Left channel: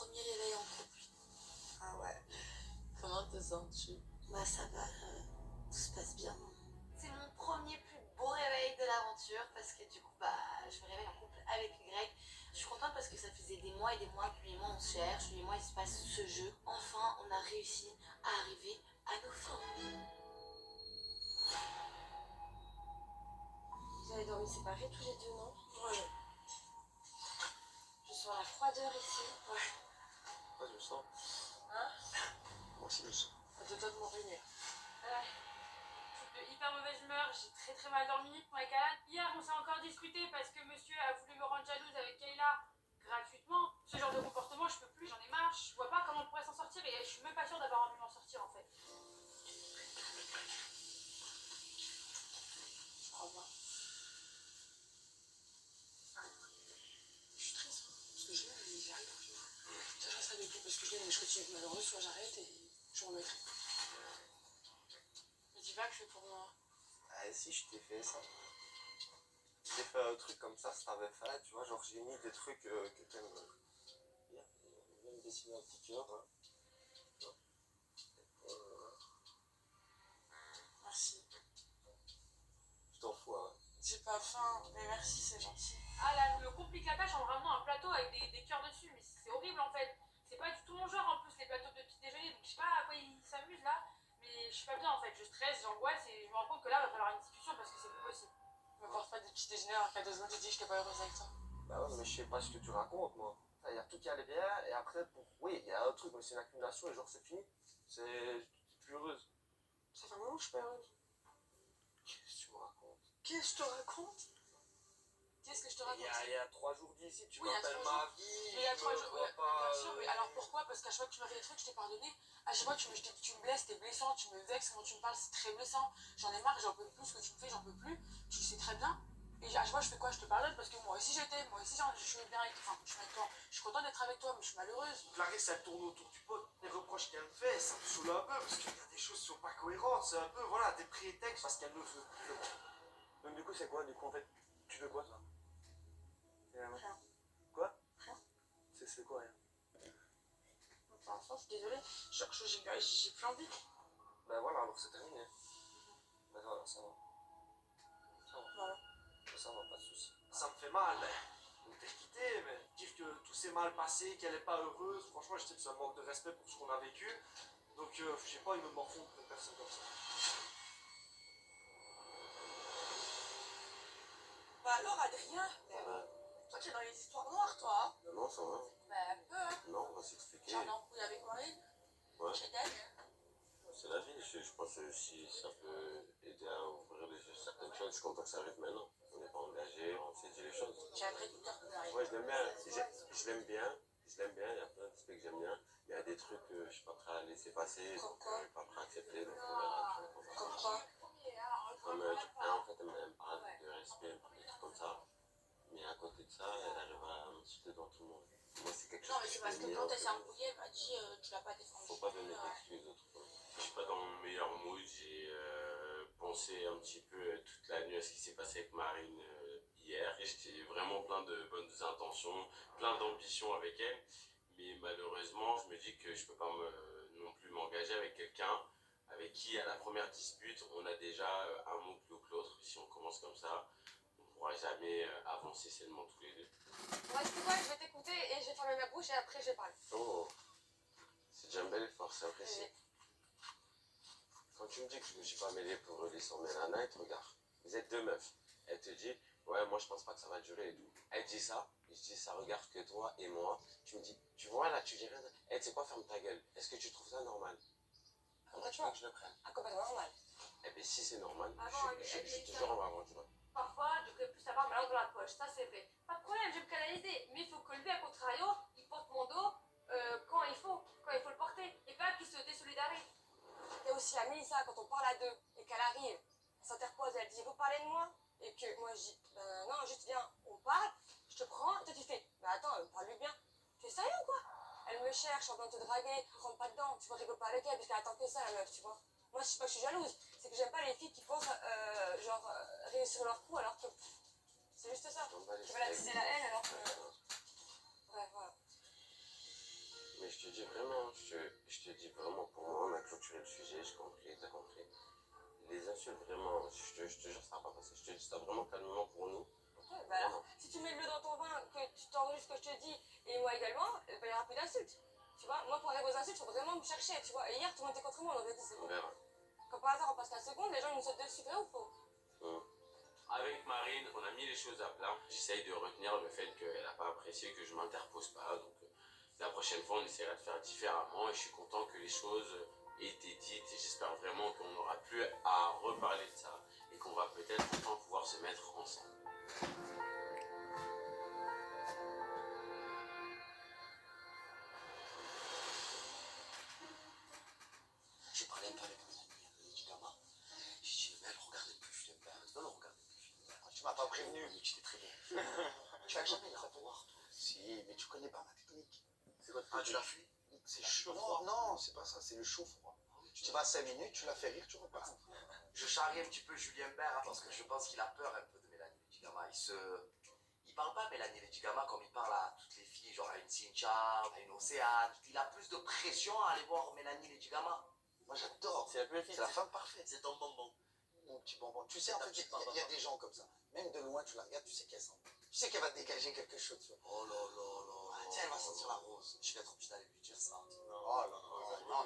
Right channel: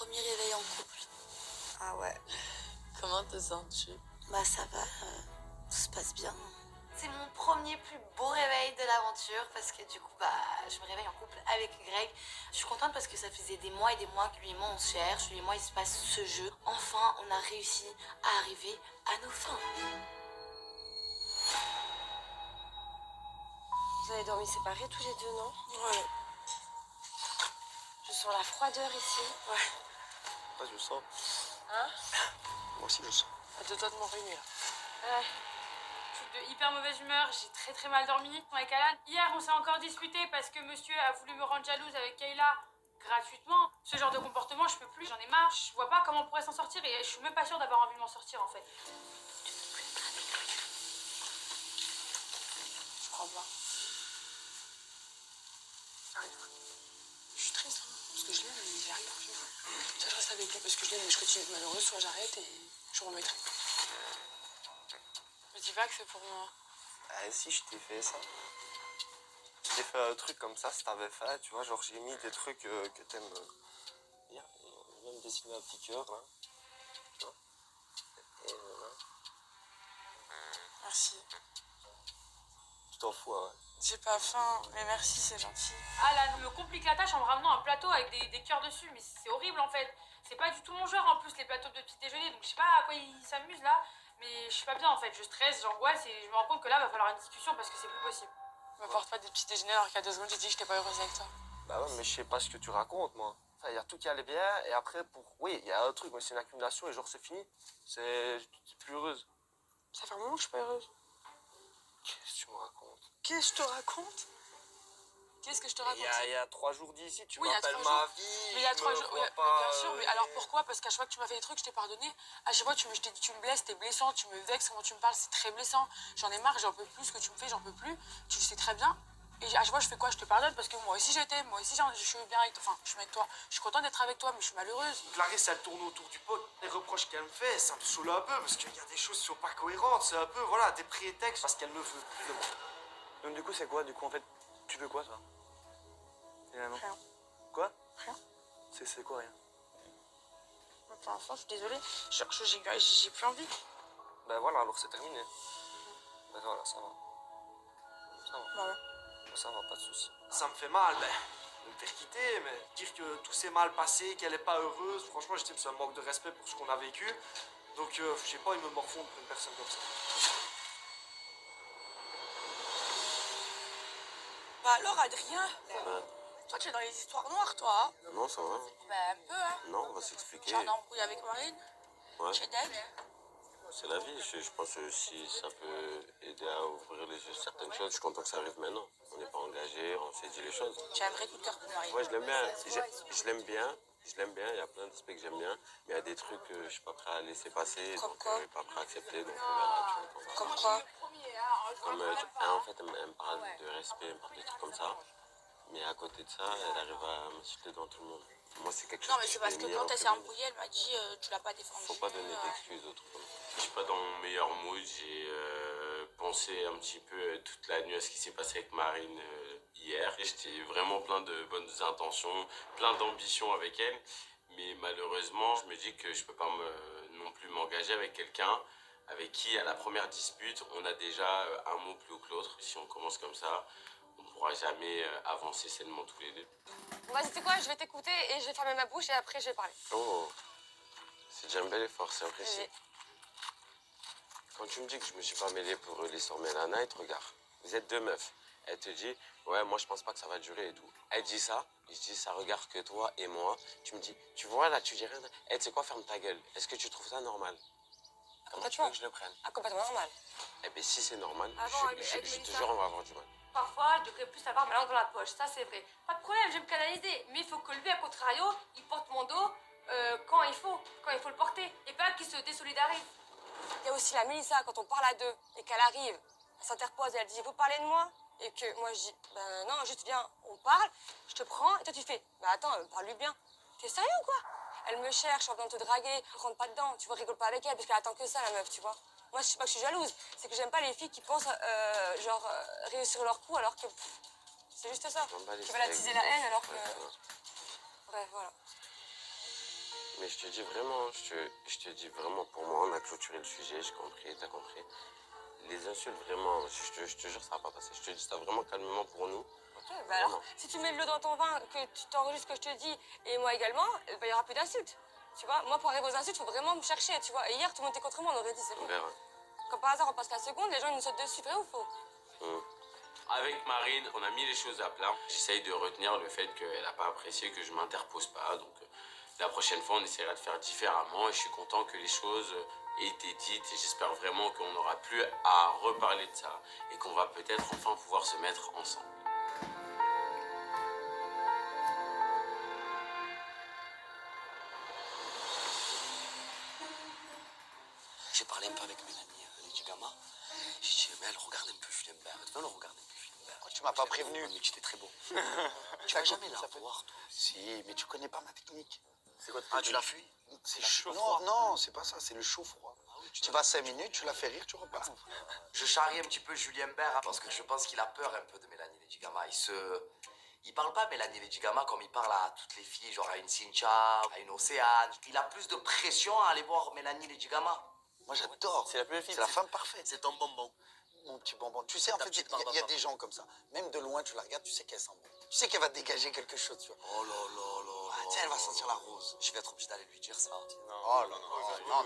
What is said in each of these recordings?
premier réveil en couple. Ah ouais. Comment te sens-tu? Bah ça va, tout se passe bien. C'est mon premier plus beau réveil de l'aventure parce que du coup bah je me réveille en couple avec Greg. Je suis contente parce que ça faisait des mois et des mois que lui et moi on se cherche, lui et moi il se passe ce jeu. Enfin on a réussi à arriver à nos fins. Vous avez dormi séparés tous les deux, non? Ouais. Je sens la froideur ici. Ouais. Ouais, je le sens. Hein? Moi aussi, je le sens. À deux doigts de m'en réunir. Ouais. Je suis de hyper mauvaise humeur, j'ai très mal dormi avec Alan. Hier, on s'est encore disputé parce que monsieur a voulu me rendre jalouse avec Kayla gratuitement. Ce genre de comportement, je peux plus, j'en ai marre. Je vois pas comment on pourrait s'en sortir et je suis même pas sûre d'avoir envie de m'en sortir en fait. Je crois pas. Arrive. Je suis triste, hein, parce que je l'aime, mais j'y arrive plus. Soit je reste avec lui parce que je l'aime et je continue d'être malheureuse, soit j'arrête et je remettrai. Me dis pas que c'est pour moi. Ah, si, je t'ai fait ça. Je t'ai fait un truc comme ça, si t'avais fait, tu vois, genre j'ai mis des trucs que t'aimes bien. Et même dessiner un petit cœur, là. Tu vois. Et voilà. Merci. Tu t'en fous, ouais. J'ai pas faim, mais merci, c'est gentil. Alan me complique la tâche en me ramenant un plateau avec des cœurs dessus, mais c'est horrible en fait. C'est pas du tout mon genre en plus les plateaux de petit déjeuner, donc je sais pas à quoi il s'amuse là. Mais je suis pas bien en fait, je stresse, j'angoisse et je me rends compte que là va falloir une discussion parce que c'est plus possible. Me porte pas des petits déjeuners alors qu'à 2 secondes j'ai dit que j'étais pas heureuse avec toi. Bah ouais, mais je sais pas ce que tu racontes, moi. Enfin, il y a tout qui allait bien, et après, oui, il y a un truc, mais c'est une accumulation, et genre c'est fini. Tu es plus heureuse. Ça fait un moment que je suis pas heureuse. Qu'est-ce que tu me racontes? Qu'est-ce que je te raconte? Qu'est-ce que je te raconte? Il y a 3 jours d'ici, tu Oui, il y a m'appelles 3 ma jours. vie. Mais il y a 3 jours, vois oui, pas, bien sûr, mais alors pourquoi? Parce qu'à chaque fois que tu m'as fait des trucs, je t'ai pardonné. À chaque fois que je t'ai dit tu me blesses, t'es blessant, tu me vexes, comment tu me parles, c'est très blessant. J'en ai marre, j'en peux plus, ce que tu me fais, j'en peux plus. Tu le sais très bien. Et à chaque fois, je fais quoi? Je te pardonne parce que moi aussi je t'aime, moi aussi je suis bien avec toi. Enfin, je suis avec toi. Je suis contente d'être avec toi, mais je suis malheureuse. Clarisse, elle tourne autour du pot. Les reproches qu'elle me fait, ça me saoule un peu parce qu'il y a des choses qui sont pas cohérentes. C'est un peu, voilà, des prétextes parce qu'elle ne veut plus de moi. Donc du coup, c'est quoi? Du coup, en fait, tu veux quoi, toi? Rien. Quoi? Rien. C'est quoi, rien? Pour l'instant, je suis désolée. J'ai plus envie. Ben voilà, alors c'est terminé. Ben voilà, ça va. Ça va. Bah ouais. Ça va, pas de soucis. Ça me fait mal, de me faire quitter, mais dire que tout s'est mal passé, qu'elle est pas heureuse, franchement, je sais que c'est un manque de respect pour ce qu'on a vécu. Donc, je sais pas, il me morfondre pour une personne comme ça. Bah alors, Adrien, Ouais. toi, tu es dans les histoires noires, toi, hein? Non, ça va. Bah un peu, hein. Non, on va s'expliquer. J'ai un embrouille avec Marine, Ouais. chez Dave. C'est la vie. Je pense que si ça peut aider à ouvrir les yeux sur certaines choses, je suis content que ça arrive maintenant. On n'est pas engagé, on s'est dit les choses. J'ai un vrai coup de cœur pour Marine. Ouais, je l'aime bien. Je l'aime bien. Je l'aime bien. Il y a plein d'aspects que j'aime bien. Mais il y a des trucs que je suis pas prêt à laisser passer. Comme Donc, quoi? je suis pas prêt à accepter. Donc, on verra, tu vois, on va Comme voir. quoi? Comme, en fait, elle me parle de respect, elle me parle de trucs comme ça. Mais à côté de ça, elle arrive à m'insulter devant tout le monde. Moi, c'est quelque chose Non, mais que c'est je parce fais que ni quand alors elle que s'est lui. embrouillée, elle m'a dit tu l'as pas défendu. Faut pas donner d'excuses aux trucs. Je suis pas dans mon meilleur mood. J'ai pensé un petit peu toute la nuit à ce qui s'est passé avec Marine hier. Et j'étais vraiment plein de bonnes intentions, plein d'ambitions avec elle. Mais malheureusement, je me dis que je peux pas non plus m'engager avec quelqu'un avec qui, à la première dispute, on a déjà un mot plus haut que l'autre. Si on commence comme ça, on pourra jamais avancer sainement tous les deux. Bah, c'était quoi? Je vais t'écouter et je vais fermer ma bouche et après je vais parler. Oh, c'est déjà un bel effort, c'est apprécié. Oui. Quand tu me dis que je me suis pas mêlé pour l'histoire Mela Night, regarde, vous êtes deux meufs. Elle te dit, ouais, moi je pense pas que ça va durer et tout. Elle dit ça, et je dis, ça regarde que toi et moi. Tu me dis, tu vois là, tu dis rien. Eh, tu sais quoi, ferme ta gueule. Est-ce que tu trouves ça normal? Comment tu veux que je le prenne? Ah, complètement normal. Eh bien, si c'est normal, Ah bon, je te jure, on va avoir du mal. Parfois, je devrais plus avoir ma langue dans la poche, ça c'est vrai. Pas de problème, je vais me canaliser. Mais il faut que lui, à contrario, il porte mon dos quand il faut le porter. Et pas qu'il se désolidarise. Il y a aussi la Mélissa, quand on parle à deux et qu'elle arrive, elle s'interpose et elle dit vous parlez de moi? Et que moi je dis ben non, juste viens, on parle, je te prends et toi tu fais ben attends, parle-lui bien. T'es sérieux ou quoi? Elle me cherche en venant te draguer, rentre pas dedans, tu vois, rigole pas avec elle parce qu'elle attend que ça la meuf, tu vois. Moi je sais pas que je suis jalouse, c'est que j'aime pas les filles qui pensent réussir leur coup alors que c'est juste ça. Qui veulent attiser la haine alors que. Bref, voilà. mais je te dis vraiment, je te dis vraiment, pour moi, on a clôturé le sujet, j'ai compris, t'as compris. Les insultes, vraiment, je te jure, ça va pas passer. Je te dis ça vraiment calmement pour nous. Ok, bah alors, si tu mets de l'eau dans ton vin, que tu t'enregistres ce que je te dis, et moi également, bah, il y aura plus d'insultes. Tu vois, moi, pour arriver aux insultes, il faut vraiment me chercher, tu vois. Et hier, tout le monde était contre moi, on aurait dit, c'est On bon. verra. Comme par hasard, on passe la seconde, les gens ils nous sautent dessus, vrai ou faux? Avec Marine, on a mis les choses à plat. J'essaye de retenir le fait qu'elle n'a pas apprécié que je m'interpose pas. Donc la prochaine fois, on essaiera de faire différemment. Et je suis content que les choses aient été dites. Et j'espère vraiment qu'on n'aura plus à reparler de ça. Et qu'on va peut-être enfin pouvoir se mettre ensemble. J'ai parlé un peu avec Mélanie Lady Gamma. J'ai dit, mais elle regarde un peu Julien Bert. Elle regarde un peu Julien Bert. Tu m'as pas prévenu. Mais tu étais très beau. Tu vas jamais la revoir, toi. Si, mais tu connais pas ma technique. C'est quoi? Ah, tu l'as fui? C'est La chaud. chaud-froid. Non, non, c'est pas ça, c'est le chaud-froid. Tu vas 5 minutes, tu la fais rire, tu repars. Je charrie un petit peu Julien Bert hein, parce que je pense qu'il a peur un peu de Mélanie Lady Gamma. Il parle pas Mélanie Lady Gamma comme il parle à toutes les filles, genre à une Cynthia, à une Océane. Il a plus de pression à aller voir Mélanie Lady Gamma. Moi j'adore. C'est la plus belle fille. C'est la femme parfaite. C'est ton bonbon. Mon petit bonbon. Tu sais, en Ta fait, petite il y a bonbon. des gens comme ça. Même de loin, tu la regardes, tu sais qu'elle sent bon. Tu sais qu'elle va dégager quelque chose, tu vois. Oh là là là. Ah, tu sais, elle va sentir la rose. Je vais être obligé d'aller lui dire ça. Oh là là.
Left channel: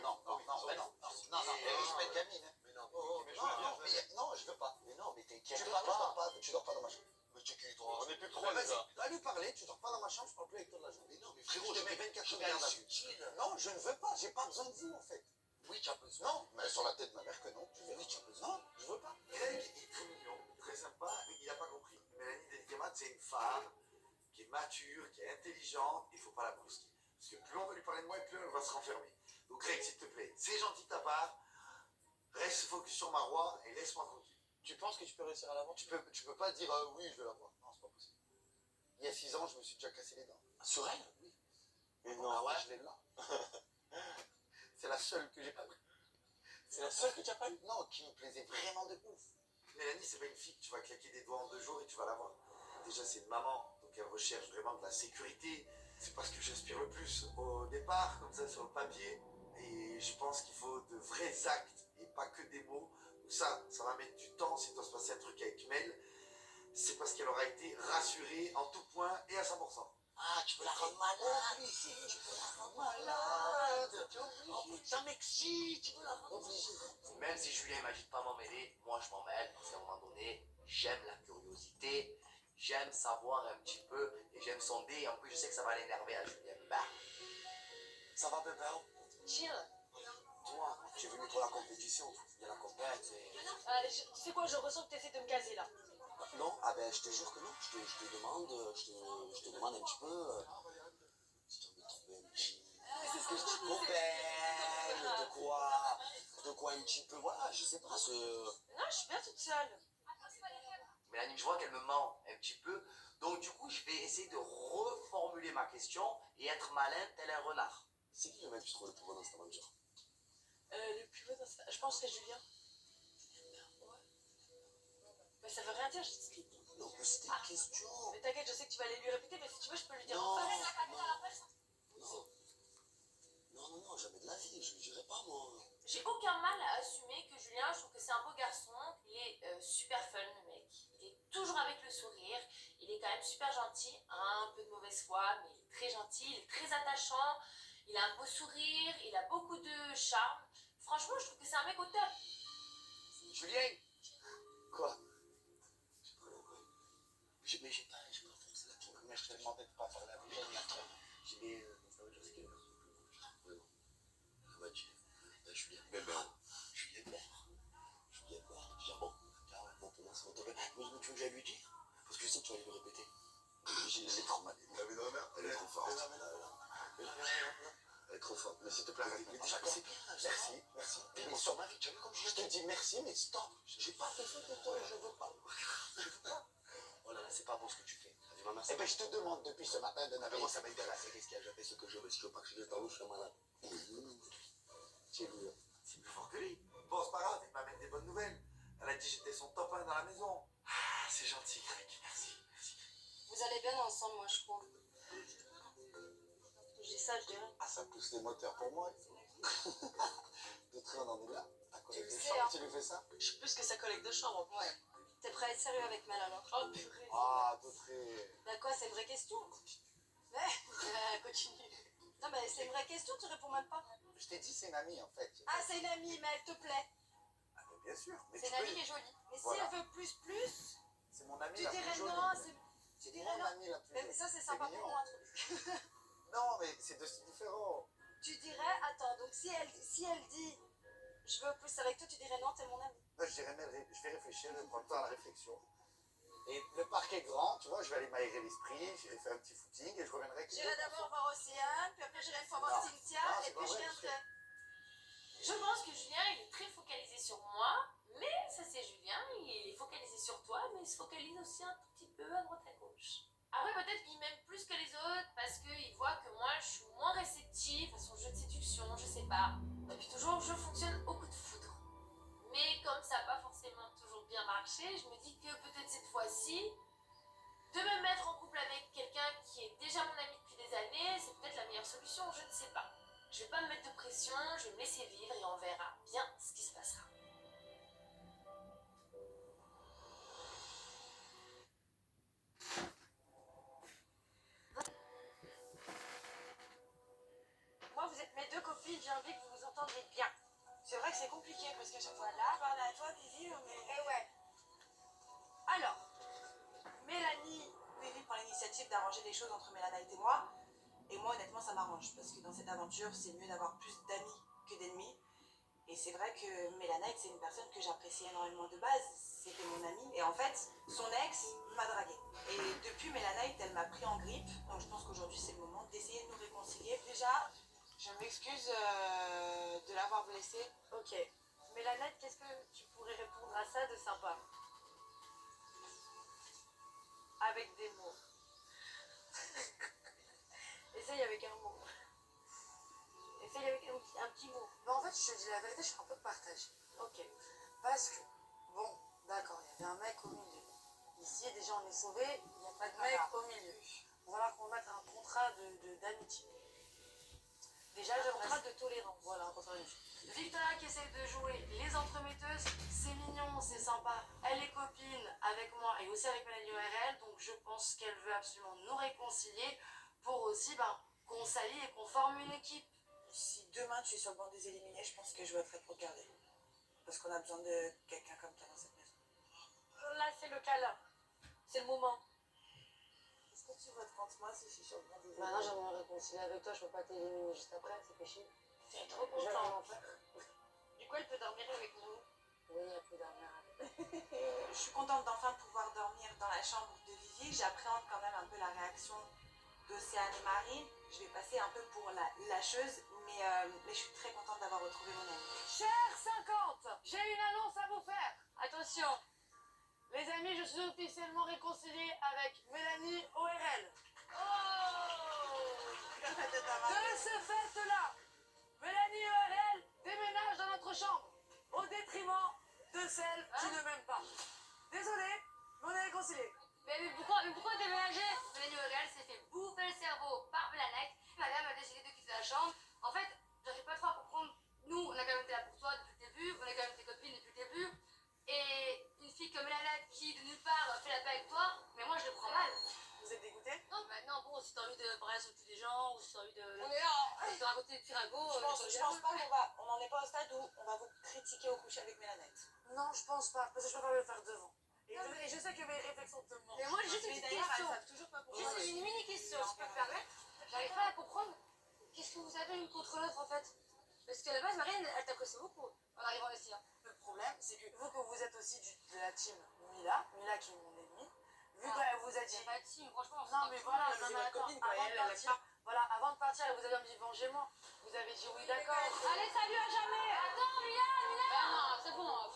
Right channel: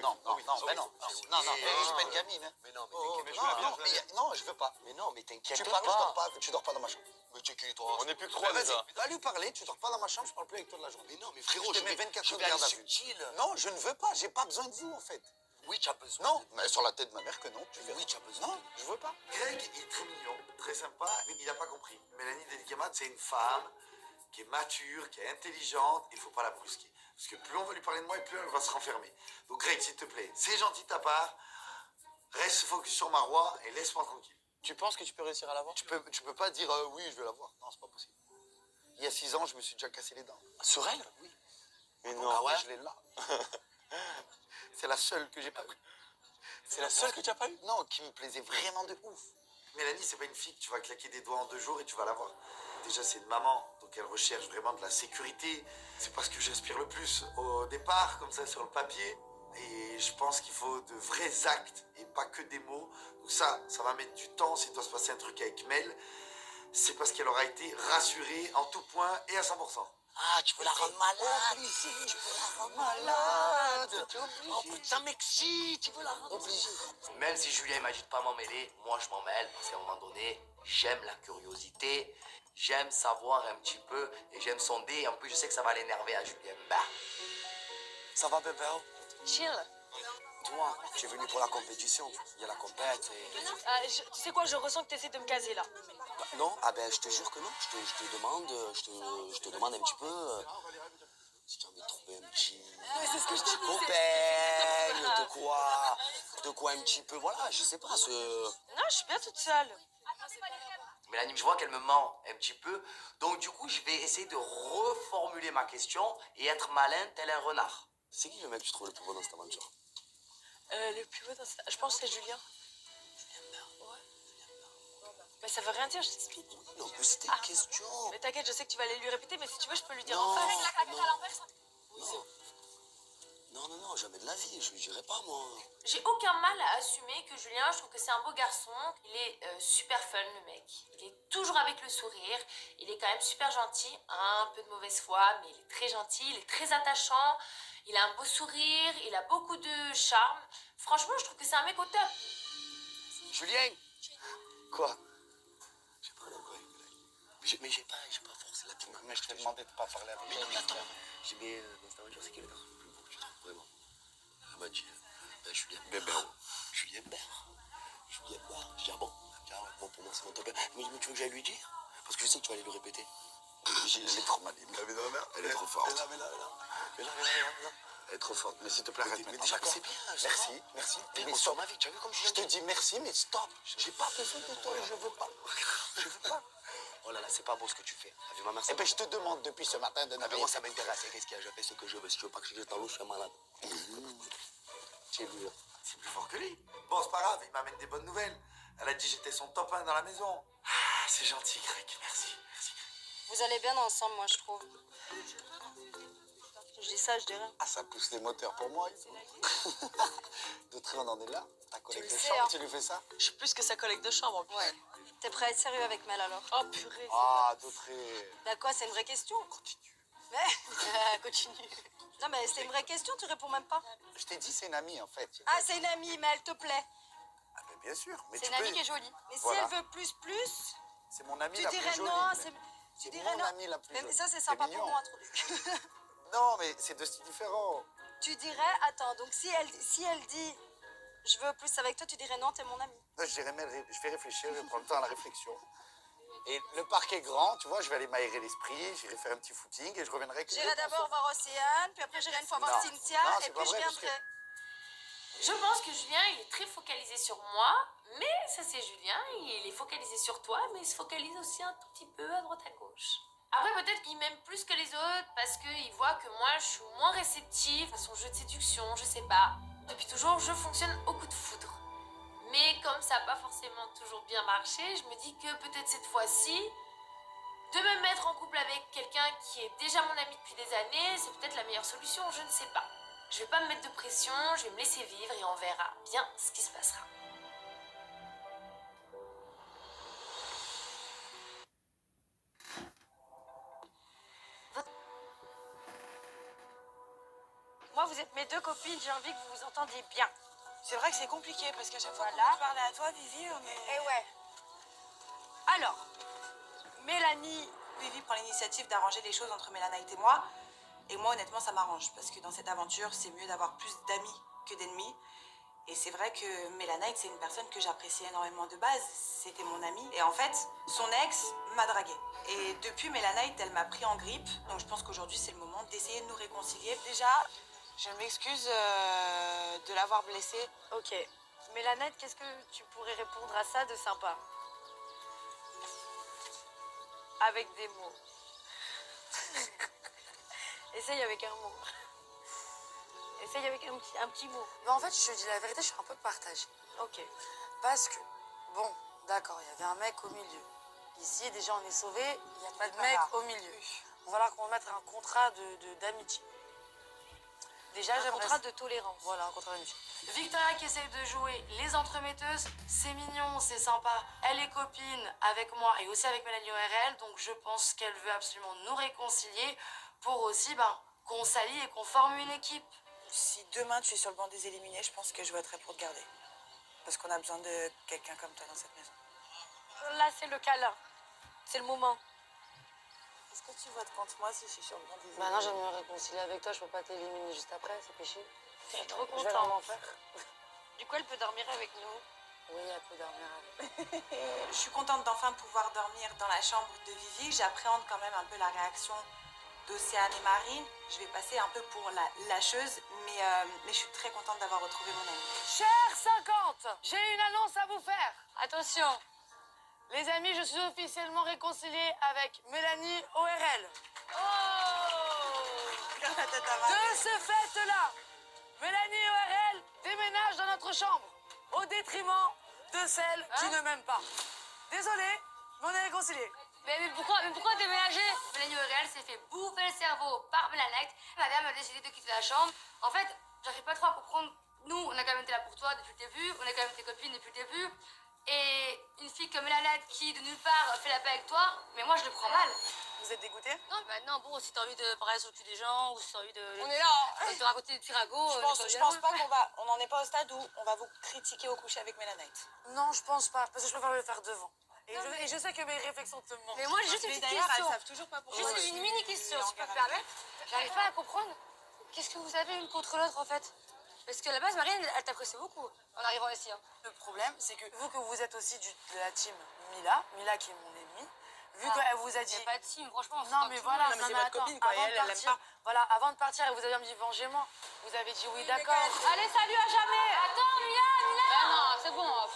Non, mais je suis pas une gamine. Hein. Mais non, Non, je veux pas. mais non, mais t'inquiète Tu pas. parles, tu dors pas dans ma chambre. Mais tu es qui, toi? On est plus que Ouais, vas-y, va lui parler, tu dors pas dans ma chambre, je parle plus avec toi de la journée. Mais non, mais frérot, je te mets 24 je heures vais de aller garde à vue. subtil. Non, je ne veux pas, j'ai pas besoin de vous en fait. Oui, tu as besoin. Non, mais sur la tête de ma mère que non, tu verras. Oui, tu as besoin. Non, je veux pas. Greg est très mignon, très sympa, mais il n'a pas compris. Mélanie Delicamate, c'est une femme qui est mature, qui est intelligente, il ne faut pas la brusquer. Parce que plus on va lui parler de moi, et plus elle va se renfermer. Donc Greg, s'il te plaît, c'est gentil de ta part, reste focus sur ma roi et laisse-moi tranquille. Tu penses que tu peux réussir à l'avoir? Tu peux pas dire oui, je vais la voir. Non, c'est pas possible. Il y a 6 ans, je me suis déjà cassé les dents. Sur elle? Oui. Mais Donc, non. ah ouais, je l'ai là. C'est la seule que j'ai pas pris. C'est la seule que tu as pas eue? Non, qui me plaisait vraiment de ouf. Mélanie, c'est pas une fille que tu vas claquer des doigts en 2 jours et tu vas la voir. Déjà, c'est une maman, donc elle recherche vraiment de la sécurité. C'est pas ce que j'inspire le plus au départ, comme ça, sur le papier. Et je pense qu'il faut de vrais actes et pas que des mots. Donc ça va mettre du temps. S'il doit se passer un truc avec Mel, c'est parce qu'elle aura été rassurée en tout point et à 100%. Ah, tu veux la rendre malade? Tu veux la rendre malade? Oh putain, Mexi, tu veux la rendre obligée. Même si Julien m'a dit de pas m'en mêler, moi je m'en mêle parce qu'à un moment donné, j'aime la curiosité, j'aime savoir un petit peu et j'aime sonder. Et en plus, je sais que ça va l'énerver à Julien. Bah. Ça va, bébé? Chill. Toi, tu es venu pour la compétition. Il y a la compète et... Tu sais quoi, je ressens que tu essaies de me caser là. Non, ah ben je te jure que non. Je te demande un petit peu si tu as envie de trouver un petit, C'est ce que je te petit dis. copain, de quoi un petit peu, voilà, je sais pas, Non, je suis bien toute seule. Mélanie, je vois qu'elle me ment un petit peu, donc du coup je vais essayer de reformuler ma question et être malin tel un renard. C'est qui le mec que tu trouves le plus beau dans cette aventure? Le plus beau dans cette... Je pense que c'est Julien. Ouais. Mais ça veut rien dire, je t'explique. Non, mais c'était une question. Mais t'inquiète, je sais que tu vas aller lui répéter, mais si tu veux, je peux lui dire Non, en face. non, jamais de la vie, je lui dirai pas moi. J'ai aucun mal à assumer que Julien, je trouve que c'est un beau garçon. Il est super fun, le mec. Il est toujours avec le sourire. Il est quand même super gentil. Un peu de mauvaise foi, mais il est très gentil. Il est très attachant. Il a un beau sourire. Il a beaucoup de charme. Franchement, je trouve que c'est un mec au top. Julien. Quoi? J'ai pas d'accord avec Mélanie. Mais j'ai pas forcé la team. Mais je t'ai demandé de pas parler avec Mais non, mais moi. attends. J'ai mis dans cette aventure, c'est qui le garçon le plus beau que tu trouves vraiment? Elle m'a dit, Julien Bert. Julien Bert. Julien Bert. Je dis, ah bon? Elle me dit, ah ouais, bon, pour moi, c'est mon top. Mais tu veux que j'aille lui dire? Parce que je sais que tu vas aller le répéter. Elle est trop maligne. Elle est trop forte. Elle est trop forte. Mais s'il te plaît, arrête Mais maintenant, déjà, d'accord? c'est bien. Merci. Mais Mais on stop. sort ma vie, tu as vu comme je Je te dis merci, mais stop. J'ai pas besoin de toi, je veux pas. Je veux pas. Oh là là, c'est pas beau ce que tu fais. T'as vu ma mère? Eh ben, je te demande depuis ce matin de Ah, mais n'avoir moi, ça m'intéresse. Qu'est-ce qu'il y a? Je fais ce que je veux. Si tu veux pas que je dise dans l'eau, je suis un malade. Tu vu. C'est plus fort que lui. Bon, c'est pas grave, il m'amène des bonnes nouvelles. Elle a dit que j'étais son top 1 dans la maison. Ah, c'est gentil, Greg, merci. Vous allez bien ensemble, moi, je trouve. Je dis ça, je dis rien. Ah, ça pousse les moteurs pour moi. Dautré, on en est là. Ta collègue le de sais, chambre, hein. tu lui fais ça? Je suis plus que sa collègue de chambre en plus. Ouais. T'es prêt à être sérieux avec Mel alors? Oh purée. Ah, Dautré. Bah quoi, c'est une vraie question? Continue. Mais continue. Non mais c'est une vraie question, tu réponds même pas. Je t'ai dit, c'est une amie en fait. Ah, c'est une amie, mais elle te plaît. Ah, mais bien sûr. Mais C'est tu une amie peux- qui est jolie. Mais Voilà. si elle veut plus, C'est mon amie tu la plus dirais jolie. non, mais- c'est... Tu C'est dirais mon non. amie la plus Mais jolie. ça, c'est sympa pour mignon. moi, trop. Non, mais c'est deux styles différents. Tu dirais, attends, donc si elle dit je veux plus avec toi, tu dirais non, t'es mon ami. Là, je dirais, mais je vais réfléchir, je vais prendre le temps à la réflexion. Et le parc est grand, tu vois, je vais aller m'aérer l'esprit, j'irai faire un petit footing et je reviendrai avec J'irai d'abord voir Océane, puis après j'irai une fois voir Non. Cynthia, Non, c'est et pas puis je vrai, parce viendrai. Je pense que Julien, il est très focalisé sur moi, mais ça c'est Julien, il est focalisé sur toi, mais il se focalise aussi un tout petit peu à droite à gauche. Après, peut-être qu'il m'aime plus que les autres parce qu'il voit que moi, je suis moins réceptive à son jeu de séduction, je sais pas. Depuis toujours, je fonctionne au coup de foudre. Mais comme ça n'a pas forcément toujours bien marché, je me dis que peut-être cette fois-ci, de me mettre en couple avec quelqu'un qui est déjà mon ami depuis des années, c'est peut-être la meilleure solution, je ne sais pas. Je vais pas me mettre de pression, je vais me laisser vivre et on verra bien ce qui se passera. Moi, vous êtes mes deux copines, j'ai envie que vous vous entendiez bien. C'est vrai que c'est compliqué parce qu'à chaque fois Voilà. que je parle à toi, Vivi, on est... Et ouais. Alors, Mélanie, Vivi prend l'initiative d'arranger les choses entre Mélanite et moi. Et moi, honnêtement, ça m'arrange. Parce que dans cette aventure, c'est mieux d'avoir plus d'amis que d'ennemis. Et c'est vrai que Mélanite, c'est une personne que j'apprécie énormément de base. C'était mon amie. Et en fait, son ex m'a draguée. Et depuis, Mélanite, elle m'a pris en grippe. Donc je pense qu'aujourd'hui, c'est le moment d'essayer de nous réconcilier. Déjà, je m'excuse de l'avoir blessée. ok. Mélanette, qu'est-ce que tu pourrais répondre à ça de sympa? Avec des mots. Essaye avec un mot. Essaye avec un petit mot. Mais en fait, je te dis la vérité, je suis un peu partagée. Ok. Parce que, bon, d'accord, il y avait un mec au milieu. Ici, déjà, on est sauvés, il n'y a pas de mec au milieu. On va falloir qu'on mette un contrat d'amitié. Déjà, Un j'aimerais... contrat de tolérance. Voilà, un contrat d'amitié. Victoria qui essaie de jouer les entremetteuses, c'est mignon, c'est sympa. Elle est copine avec moi et aussi avec Mélanie ORL, donc je pense qu'elle veut absolument nous réconcilier pour aussi qu'on s'allie et qu'on forme une équipe. Si demain tu es sur le banc des éliminés, je pense que je voterai pour te garder. Parce qu'on a besoin de quelqu'un comme toi dans cette maison. Là, c'est le câlin. C'est le moment. Est-ce que tu votes contre moi si je suis sur le banc des éliminés? Maintenant, j'aimerais me réconcilier avec toi, je peux pas t'éliminer juste après, c'est péché. Je suis trop Je vais contente. vraiment faire. Du coup, elle peut dormir avec nous. Oui, elle peut dormir avec. Je suis contente d'enfin pouvoir dormir dans la chambre de Vivi. J'appréhende quand même un peu la réaction d'Océane et Marine. Je vais passer un peu pour la lâcheuse, mais je suis très contente d'avoir retrouvé mon amie. Cher 50, j'ai une annonce à vous faire. Attention, les amis, je suis officiellement réconciliée avec Mélanie ORL. De ce fait-là, Mélanie ORL déménage dans notre chambre, au détriment de celle qui ne m'aime pas. Désolé, mais on est réconciliés. Mais pourquoi déménager? Mélanie Aurel s'est fait bouffer le cerveau par Mélanite. Madame a décidé de quitter la chambre. En fait, j'arrive pas trop à comprendre. Nous, on a quand même été là pour toi depuis le début. On a quand même été copines depuis le début. Et une fille comme Mélanite qui, de nulle part, fait la paix avec toi, mais moi, je le prends mal. Vous êtes dégoûtés? Non, bah non, bon, si t'as envie de parler sur le cul des gens, ou si t'as envie de... On est là. de te raconter des petits ragots... Je pense pas qu'on va... On n'en est pas au stade où on va vous critiquer au coucher avec Mélanite. Non, je pense pas, parce que je préfère le faire devant. Et je sais que mes réflexions te mentent. Mais moi, j'ai juste une Mais petite d'ailleurs, elles question. savent toujours pas pourquoi. Juste une mini question, si je peux me permettre. J'arrive pas à comprendre. Qu'est-ce que vous avez une contre l'autre, en fait? Parce que à la base, Marine, elle t'apprécie beaucoup en arrivant ici. Hein. Le problème, c'est que vu que vous êtes aussi de la team Mila qui est mon ennemie, vu qu'elle vous a dit... C'est pas de team, franchement. Non, mais voilà, mais c'est votre copine, quoi, et elle aime pas. Voilà, avant de partir, elle vous avait dit vengez-moi. Vous avez dit oui, d'accord. Allez, salut, à jamais. Attends, Mila. Ah non, c'est bon.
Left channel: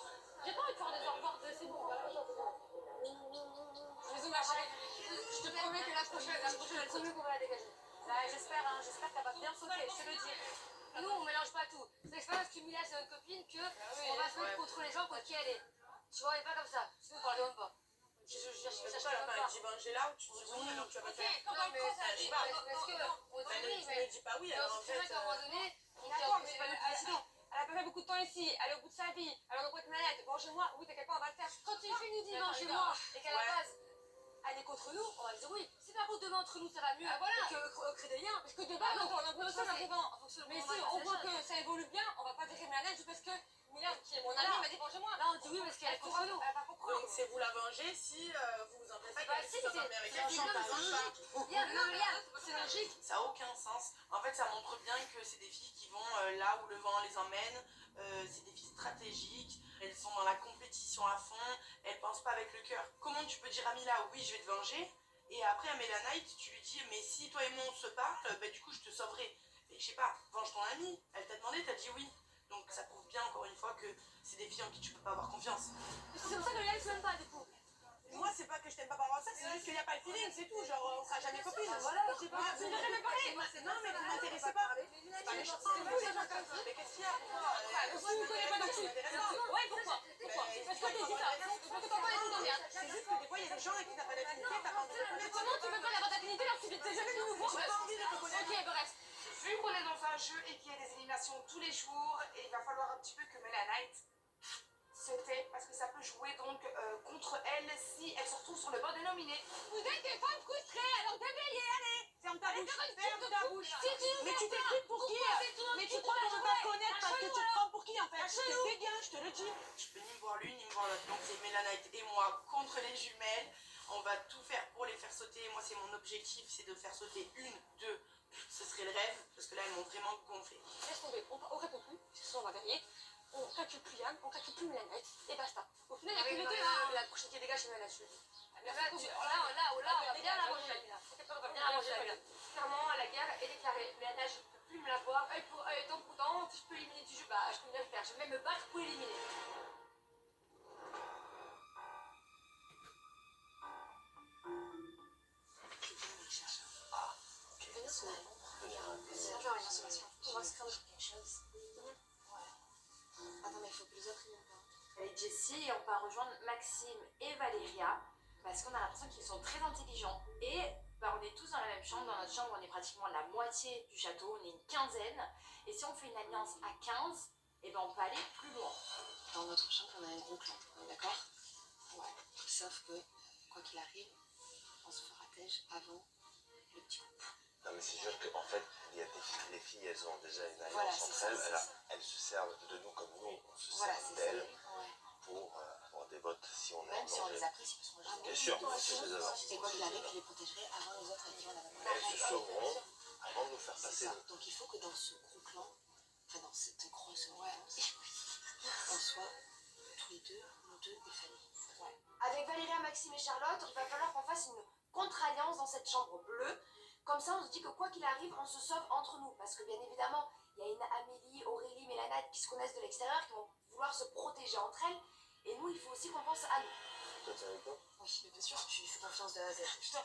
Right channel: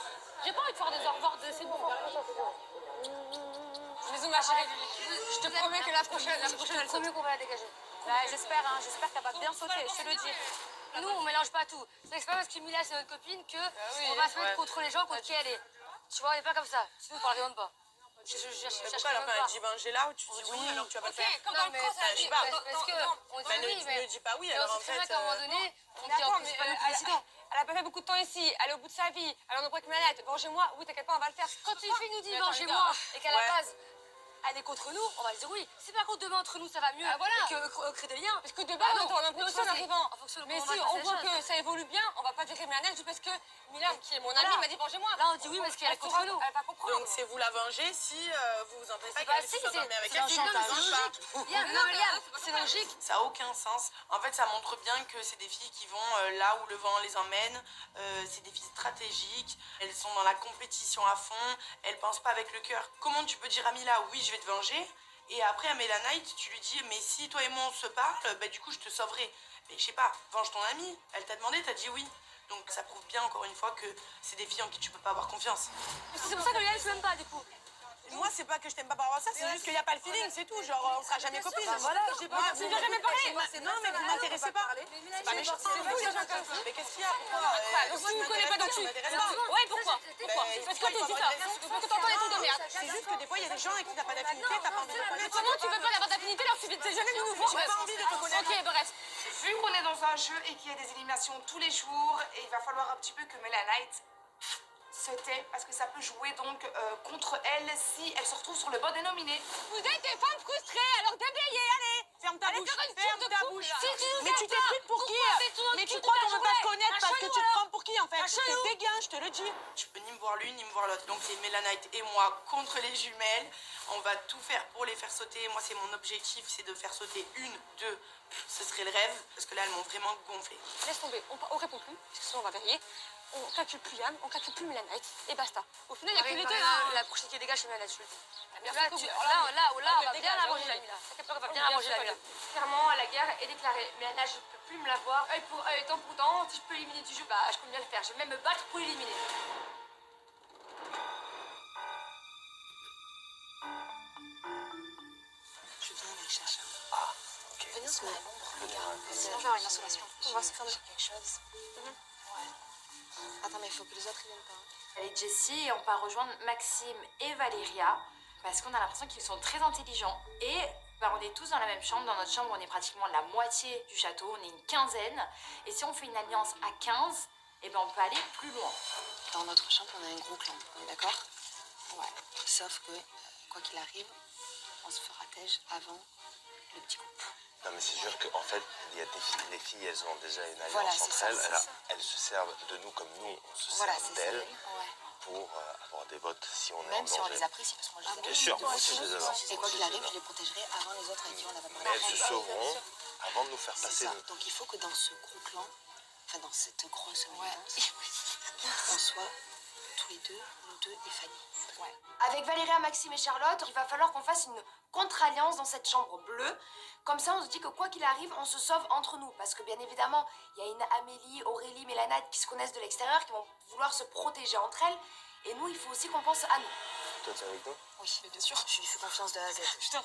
J'ai pas envie de faire des au revoir de... C'est bon. Bisous, ma chérie. Je te promets que la prochaine, elle sera... qu'on va la dégager. J'espère qu'elle va bien sauter, je te le dis. Nous, on mélange pas tout. C'est pas parce que Mila, c'est notre copine que on va se mettre contre les gens contre qui elle est. Tu vois, on est pas comme ça. Sinon, on parlerait pas. Pourquoi alors quand elle dit ben j'ai là, tu dis oui, alors tu vas pas le faire. Comme dans le cross, elle dit pas. parce que on dit Ben, oui, ne mais dis pas oui, mais alors on en sait très bien fait. qu'à un moment donné, on dit D'accord, en plus, mais c'est pas nous qui décidons. Elle a pas fait beaucoup de temps ici, elle est au bout de sa vie, elle en a pris que Mélanette, vengez-moi, oui t'inquiète pas, on va le faire. Quand une fille nous dit Mais attends, vengez-moi et qu'à la ouais. base elle est contre nous, on va lui dire oui. Si par contre demain entre nous ça va mieux voilà. et qu'on crée des liens, parce que de Bah base non, on a l'impression ça, en arrivant. Mais si on voit que ça évolue bien, on va pas dire Mélanette juste parce que Milan, qui est mon ami, m'a dit vengez-moi. Là on dit oui parce qu'elle est contre nous. Elle va pas comprendre. Donc c'est vous la venger si vous vous entendez pas Bah qu'elle si, soit dormir avec c'est elle. logique. Liam, c'est logique. Ça a aucun sens. En fait, ça montre bien que c'est des filles qui vont là où le vent les emmène. C'est des filles stratégiques. Elles sont dans la compétition à fond. Elles pensent pas avec le cœur. Comment tu peux dire à Mila, oui, je vais te venger, et après à Mélanite, tu lui dis, mais si toi et moi on se parle, bah du coup je te sauverai. Mais je sais pas, venge ton amie. Elle t'a demandé, t'as dit oui. Donc ça prouve bien encore une fois que c'est des filles en qui tu peux pas avoir confiance. C'est pour ça que Liam se l'aime pas du coup. Moi, c'est pas que je t'aime pas par rapport à ça, c'est juste qu'il n'y a pas le feeling, c'est tout. Genre, on sera jamais copines. Voilà, j'ai pas Vous ne jamais parlé. Non, mais vous m'intéressez pas. C'est pas méchant, c'est vous, les gens comme ça. Mais qu'est-ce qu'il y a? Pourquoi Donc tu me connais pas donc tu. Ouais, pourquoi? Parce que tu dis ça. Parce que t'entends des trucs de merde. C'est juste que des fois, il y a des gens avec qui t'as pas d'affinité, t'as pas envie de Mais connaître. comment tu peux pas avoir d'affinité alors que t'es jamais venu nous voir? J'ai pas envie de te connaître. Ok, bref. Vu qu'on est dans un jeu et qu'il y a des éliminations tous les jours, et il va falloir un petit peu que Mélanite se tait, parce que ça peut jouer donc contre elle si elle se retrouve sur le bon dénominé. Vous êtes des femmes frustrées, alors déblayez, allez. Ferme ta bouche, ferme ta bouche. Mais tu t'es pris pour qui? Mais tu crois qu'on veut pas te connaître parce que tu te prends pour qui en fait? T'es dégain, je te le dis. Tu peux ni me voir l'une ni me voir l'autre. Donc c'est Mélanite et moi contre les jumelles. On va tout faire pour les faire sauter. Moi c'est mon objectif, c'est de faire sauter une, deux. Ce serait le rêve, parce que là elles m'ont vraiment gonflé. Laisse tomber, on répond plus, parce que sinon on va verrier. On calcule plus Liam, on calcule plus Mélanite, et basta. Au final, il n'y a que les deux. La prochaine qui dégage, c'est Mélanite, je le dis. Là, on va bien la manger, la Mila. On va bien la manger, la Mila. Clairement, la guerre est déclarée. Mais là, je ne peux plus me la voir. Œil pour œil, temps pour temps. Si je peux éliminer du jeu, bah, je peux bien le faire. Je vais même me battre pour l'éliminer. Je viens avec Chacha. Ah, ok. Venez, on se met à l'ombre. Regarde, sinon je vais avoir une insolation. On va se faire quelque chose. Attends, mais il faut que les autres ils viennent pas. Avec Jessie, et on part rejoindre Maxime et Valéria. Parce qu'on a l'impression qu'ils sont très intelligents. Et bah, on est tous dans la même chambre. Dans notre chambre, on est pratiquement la moitié du château. On est une quinzaine. Et si on fait une alliance à 15, eh ben, on peut aller plus loin. Dans notre chambre, on a un gros clan, on est d'accord? Ouais. Sauf que, quoi qu'il arrive, on se fera têche avant le petit groupe. Non mais c'est sûr qu'en fait, il y a les filles, elles ont déjà une alliance Voilà, c'est entre ça, elles. c'est Alors, ça. elles se servent de nous comme nous, on se Voilà, sert c'est ça. d'elles Ouais. pour avoir des votes si on est en Même si on danger. les apprécie, parce que moi je les Bien aime. sûr, moi aussi je les adore. Et quoi qu'il arrive, je les protégerai avant les autres avec qui on n'a pas Mais parlé. elles se sauveront avant de nous faire C'est passer. ça. nous. Donc il faut que dans ce gros clan, enfin dans cette grosse alliance, on soit tous les deux, nous deux et Fanny. Ouais. Avec Valéria, Maxime et Charlotte, il va falloir qu'on fasse une contre-alliance dans cette chambre bleue. Comme ça, on se dit que quoi qu'il arrive, on se sauve entre nous. Parce que bien évidemment, il y a une Amélie, Aurélie, Mélanite qui se connaissent de l'extérieur, qui vont vouloir se protéger entre elles. Et nous, il faut aussi qu'on pense à nous. Toi, t'es avec nous? Oui, mais bien sûr, je lui fais confiance de A à Z.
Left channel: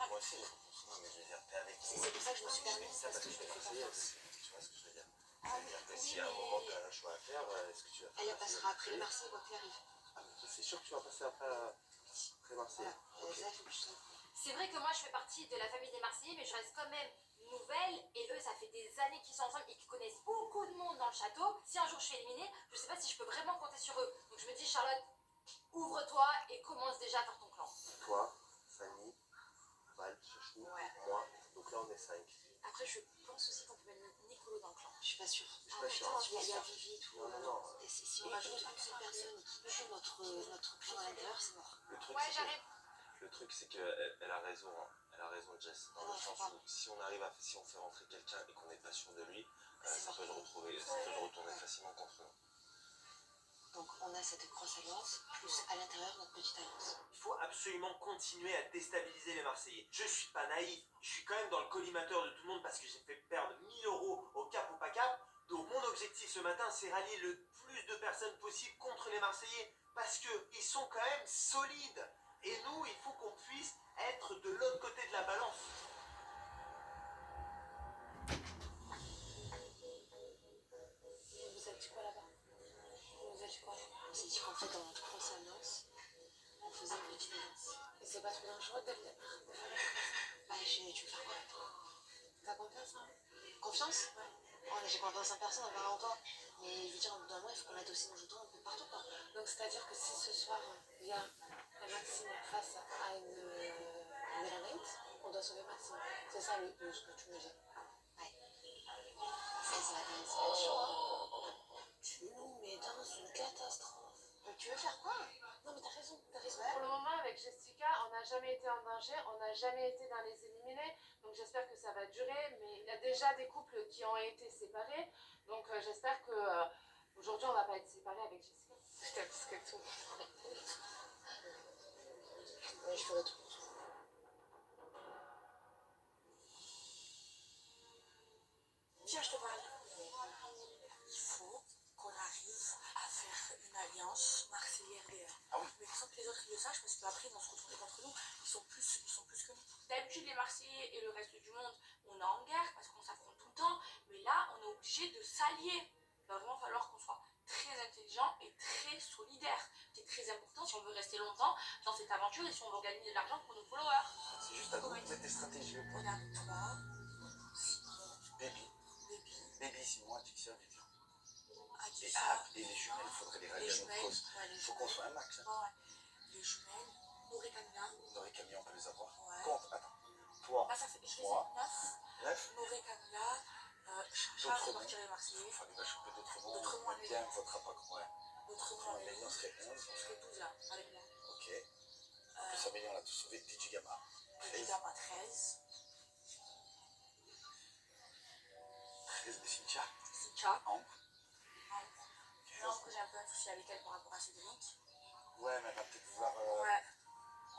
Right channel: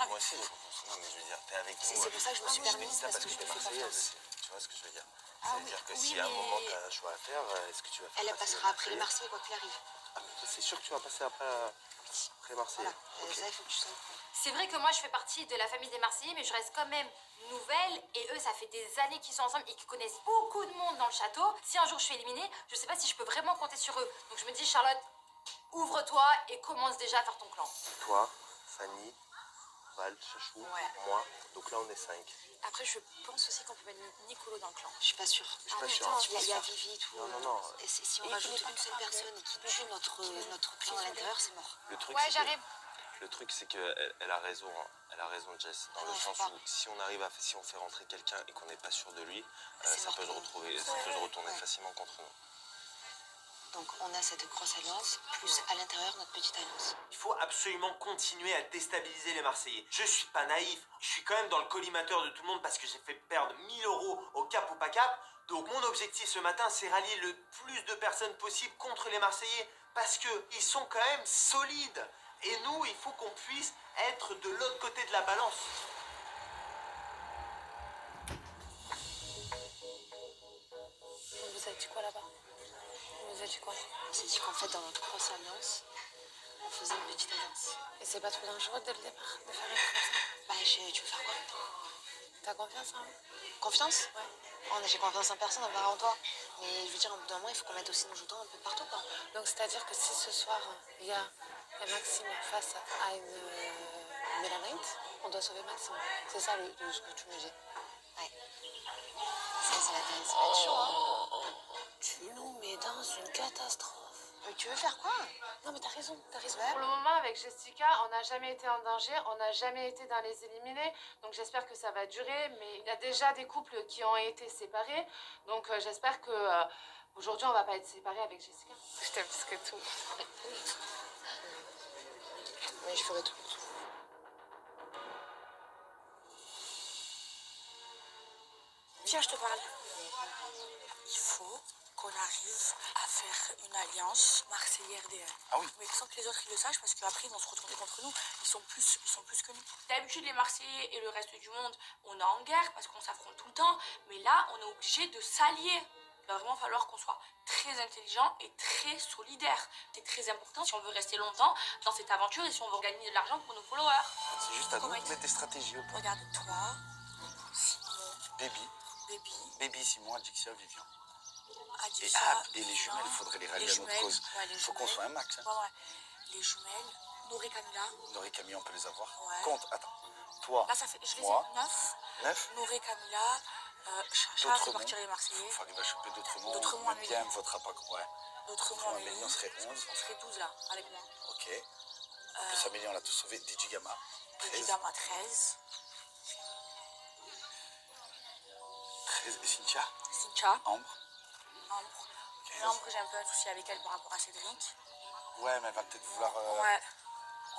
Moi aussi, j'ai confiance en nous, mais je veux dire, t'es avec nous. C'est pour ça que je me suis Je te dis permise, ça parce parce que que je t'es te fais marseillaise. confiance. Tu vois ce que je veux dire? Ah C'est-à-dire oui, que oui, si à un mais- moment t'as un choix à faire, est-ce que tu vas faire Elle passer passera après les Marseillais? Marseillais, quoi qu'il arrive. Ah, mais c'est sûr que tu vas passer après Marseille. Voilà, Ok. ça, il faut que tu sois. C'est vrai que moi, je fais partie de la famille des Marseillais, mais je reste quand même nouvelle. Et eux, ça fait des années qu'ils sont ensemble et qu'ils connaissent beaucoup de monde dans le château. Si un jour je suis éliminée, je sais pas si je peux vraiment compter sur eux. Donc je me dis, Charlotte, ouvre-toi et commence déjà à faire ton clan. Toi, Fanny, Val, Chachou, Ouais. moi. Donc là, on est 5. Après, je pense aussi qu'on peut mettre Nicolo dans le clan. Je suis pas sûre. Je suis pas sûr. Il y a Vivi et tout. Non, non, non. Et si on rajoute une seule personne et qui tue notre clan à l'intérieur, c'est mort. Le truc, Ouais, c'est que- j'arrive. Le truc, c'est qu'elle a raison. Hein. Elle a raison, Jess. Dans le Non, sens faut pas. où si on fait rentrer quelqu'un et qu'on n'est pas sûr de lui, C'est ça mort peut pour nous. ça peut se retourner Ouais. facilement contre nous. Donc on a cette grosse alliance, plus à l'intérieur notre petite alliance. Il faut absolument continuer à déstabiliser les Marseillais. Je suis pas naïf, je suis quand même dans le collimateur de tout le monde parce que j'ai fait perdre 1000 € au cap ou pas cap. Donc mon objectif ce matin, c'est rallier le plus de personnes possible contre les Marseillais parce que ils sont quand même solides. Et nous, il faut qu'on puisse être de l'autre côté de la balance. On vous a dit quoi là-bas? On vous a dit quoi? On s'est dit qu'en fait dans notre grosse alliance, on faisait une petite alliance. Et c'est pas trop dangereux dès le départ de faire un truc comme ça? Bah, chérie, tu veux faire quoi? T'as confiance en moi? Confiance? Ouais. Oh, mais j'ai confiance en personne, à part en toi. Mais je veux dire, au bout d'un moment, il faut qu'on mette aussi nos jetons un peu partout, quoi. Donc c'est-à-dire que si ce soir, il y a un Maxime face à une Mélanite, on doit sauver Maxime. C'est ça ce que tu me dis. Ouais. Ça va être chaud, hein. Tu nous mets dans une catastrophe. Mais tu veux faire quoi? Non mais t'as raison, t'as raison. Pour le moment, avec Jessica, on n'a jamais été en danger, on n'a jamais été dans les éliminés, donc j'espère que ça va durer, mais il y a déjà des couples qui ont été séparés, donc j'espère que aujourd'hui on va pas être séparés avec Jessica. Je t'aime plus que tout. Mais je ferai tout pour toi. Viens, je te parle. Il faut qu'on arrive à faire une alliance Marseille-RDM. Ah oui. Mais sans que les autres ils le sachent, parce qu'après ils vont se retourner contre nous. Ils sont plus que nous. D'habitude, les Marseillais et le reste du monde, on est en guerre parce qu'on s'affronte tout le temps. Mais là, on est obligé de s'allier. Il va vraiment falloir qu'on soit très intelligent et très solidaire. C'est très important si on veut rester longtemps dans cette aventure et si on veut gagner de l'argent pour nos followers. C'est juste à nous de mettre des stratégies au point. Regarde, toi, Simon, Baby. Baby, Baby, Simon, Adixia, Vivian. Adixia, Et les jumelles, il faudrait les rallier à notre cause. Ouais, les Il faut qu'on jumelles. soit un max. Hein. Ouais. Les jumelles, Nora et Camilla. Nora et Camille, on peut les avoir. Ouais. Compte, attends. Toi, Là, ça fait, je les ai moi, 9. 9. Nora et Camilla, Chacha, D'autres faut partir les Marseillais. Il faut arriver à choper d'autres noms. D'autres noms, Le bien votera pas. Ouais. D'autres noms, Amélie, on serait 11. On serait 12 là, avec moi. Ok. En plus, Amélie, on l'a tous sauvé. DJ Gamma. 13. Évidemment, 13. 13. Et Cynthia. Cynthia. Ambre. Ambre. 15. Ambre, j'ai un peu un souci avec elle par rapport à Cédric. Ouais, mais elle va peut-être vouloir Ouais.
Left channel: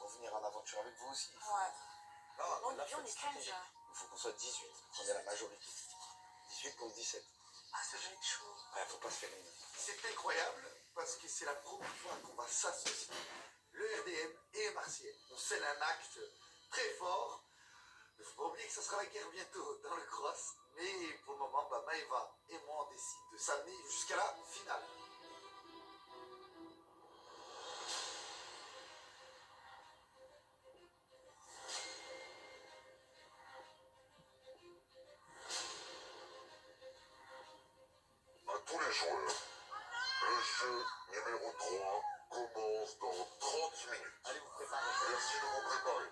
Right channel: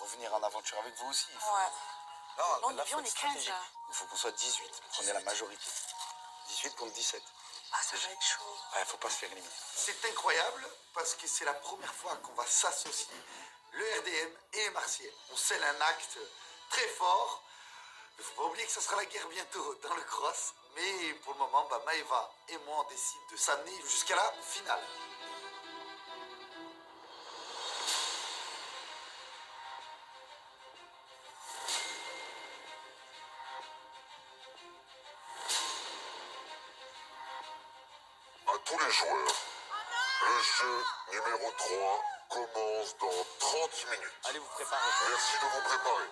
revenir en aventure avec vous aussi. Ouais. Non, Non, mais là, on faut est être 15 stratégique. là. Il faut qu'on soit 18, qu'on ait la majorité. 18 contre 17. Ah, ça va être chaud. Ouais, faut pas se faire éliminer. C'est incroyable parce que c'est la première fois qu'on va s'associer, le RDM et les Marseillais. On scelle un acte très fort. Il ne faut pas oublier que ça sera la guerre bientôt dans le cross. Mais pour le moment, bah, Maëva et moi, on décide de s'amener jusqu'à la finale. À tous les joueurs, le jeu numéro 3 commence dans 30 minutes. Allez vous préparer. Merci de vous préparer.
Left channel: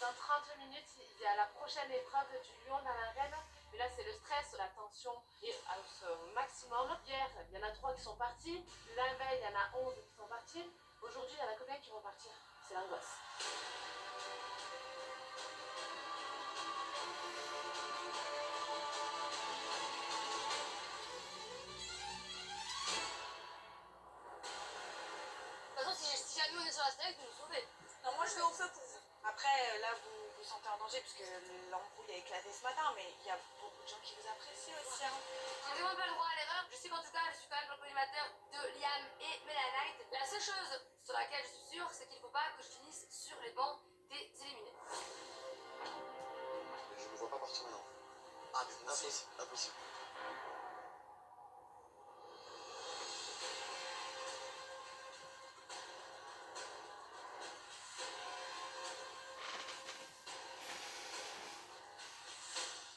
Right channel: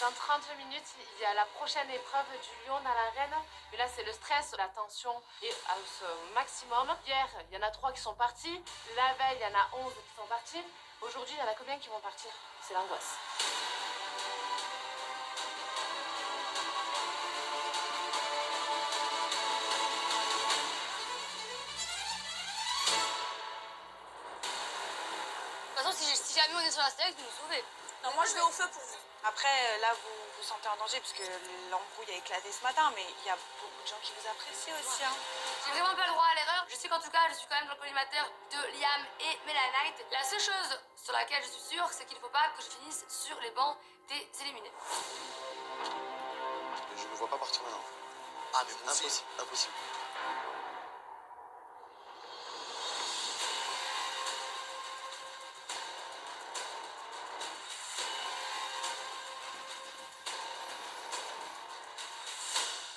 Dans 30 minutes, il y a la prochaine épreuve du lion dans l'arène. Mais là, c'est le stress, la tension est au maximum. Hier, il y en a 3 qui sont partis. La veille, il y en a 11 qui sont partis. Aujourd'hui, il y en a combien qui vont partir? C'est l'angoisse. De toute façon, si jamais on est sur la steak, vous nous sauvez. Non, moi je vais au feu pour vous. Après, là, vous vous sentez en danger parce que l'embrouille a éclaté ce matin, mais il y a beaucoup de gens qui vous apprécient aussi. Hein. J'ai vraiment pas le droit à l'erreur. Je sais qu'en tout cas, je suis quand même dans le collimateur de Liam et Mélanite. La seule chose sur laquelle je suis sûre, c'est qu'il ne faut pas que je finisse sur les bancs des éliminés. Je ne vois pas partir maintenant. Ah, mais moi aussi. Impossible, impossible.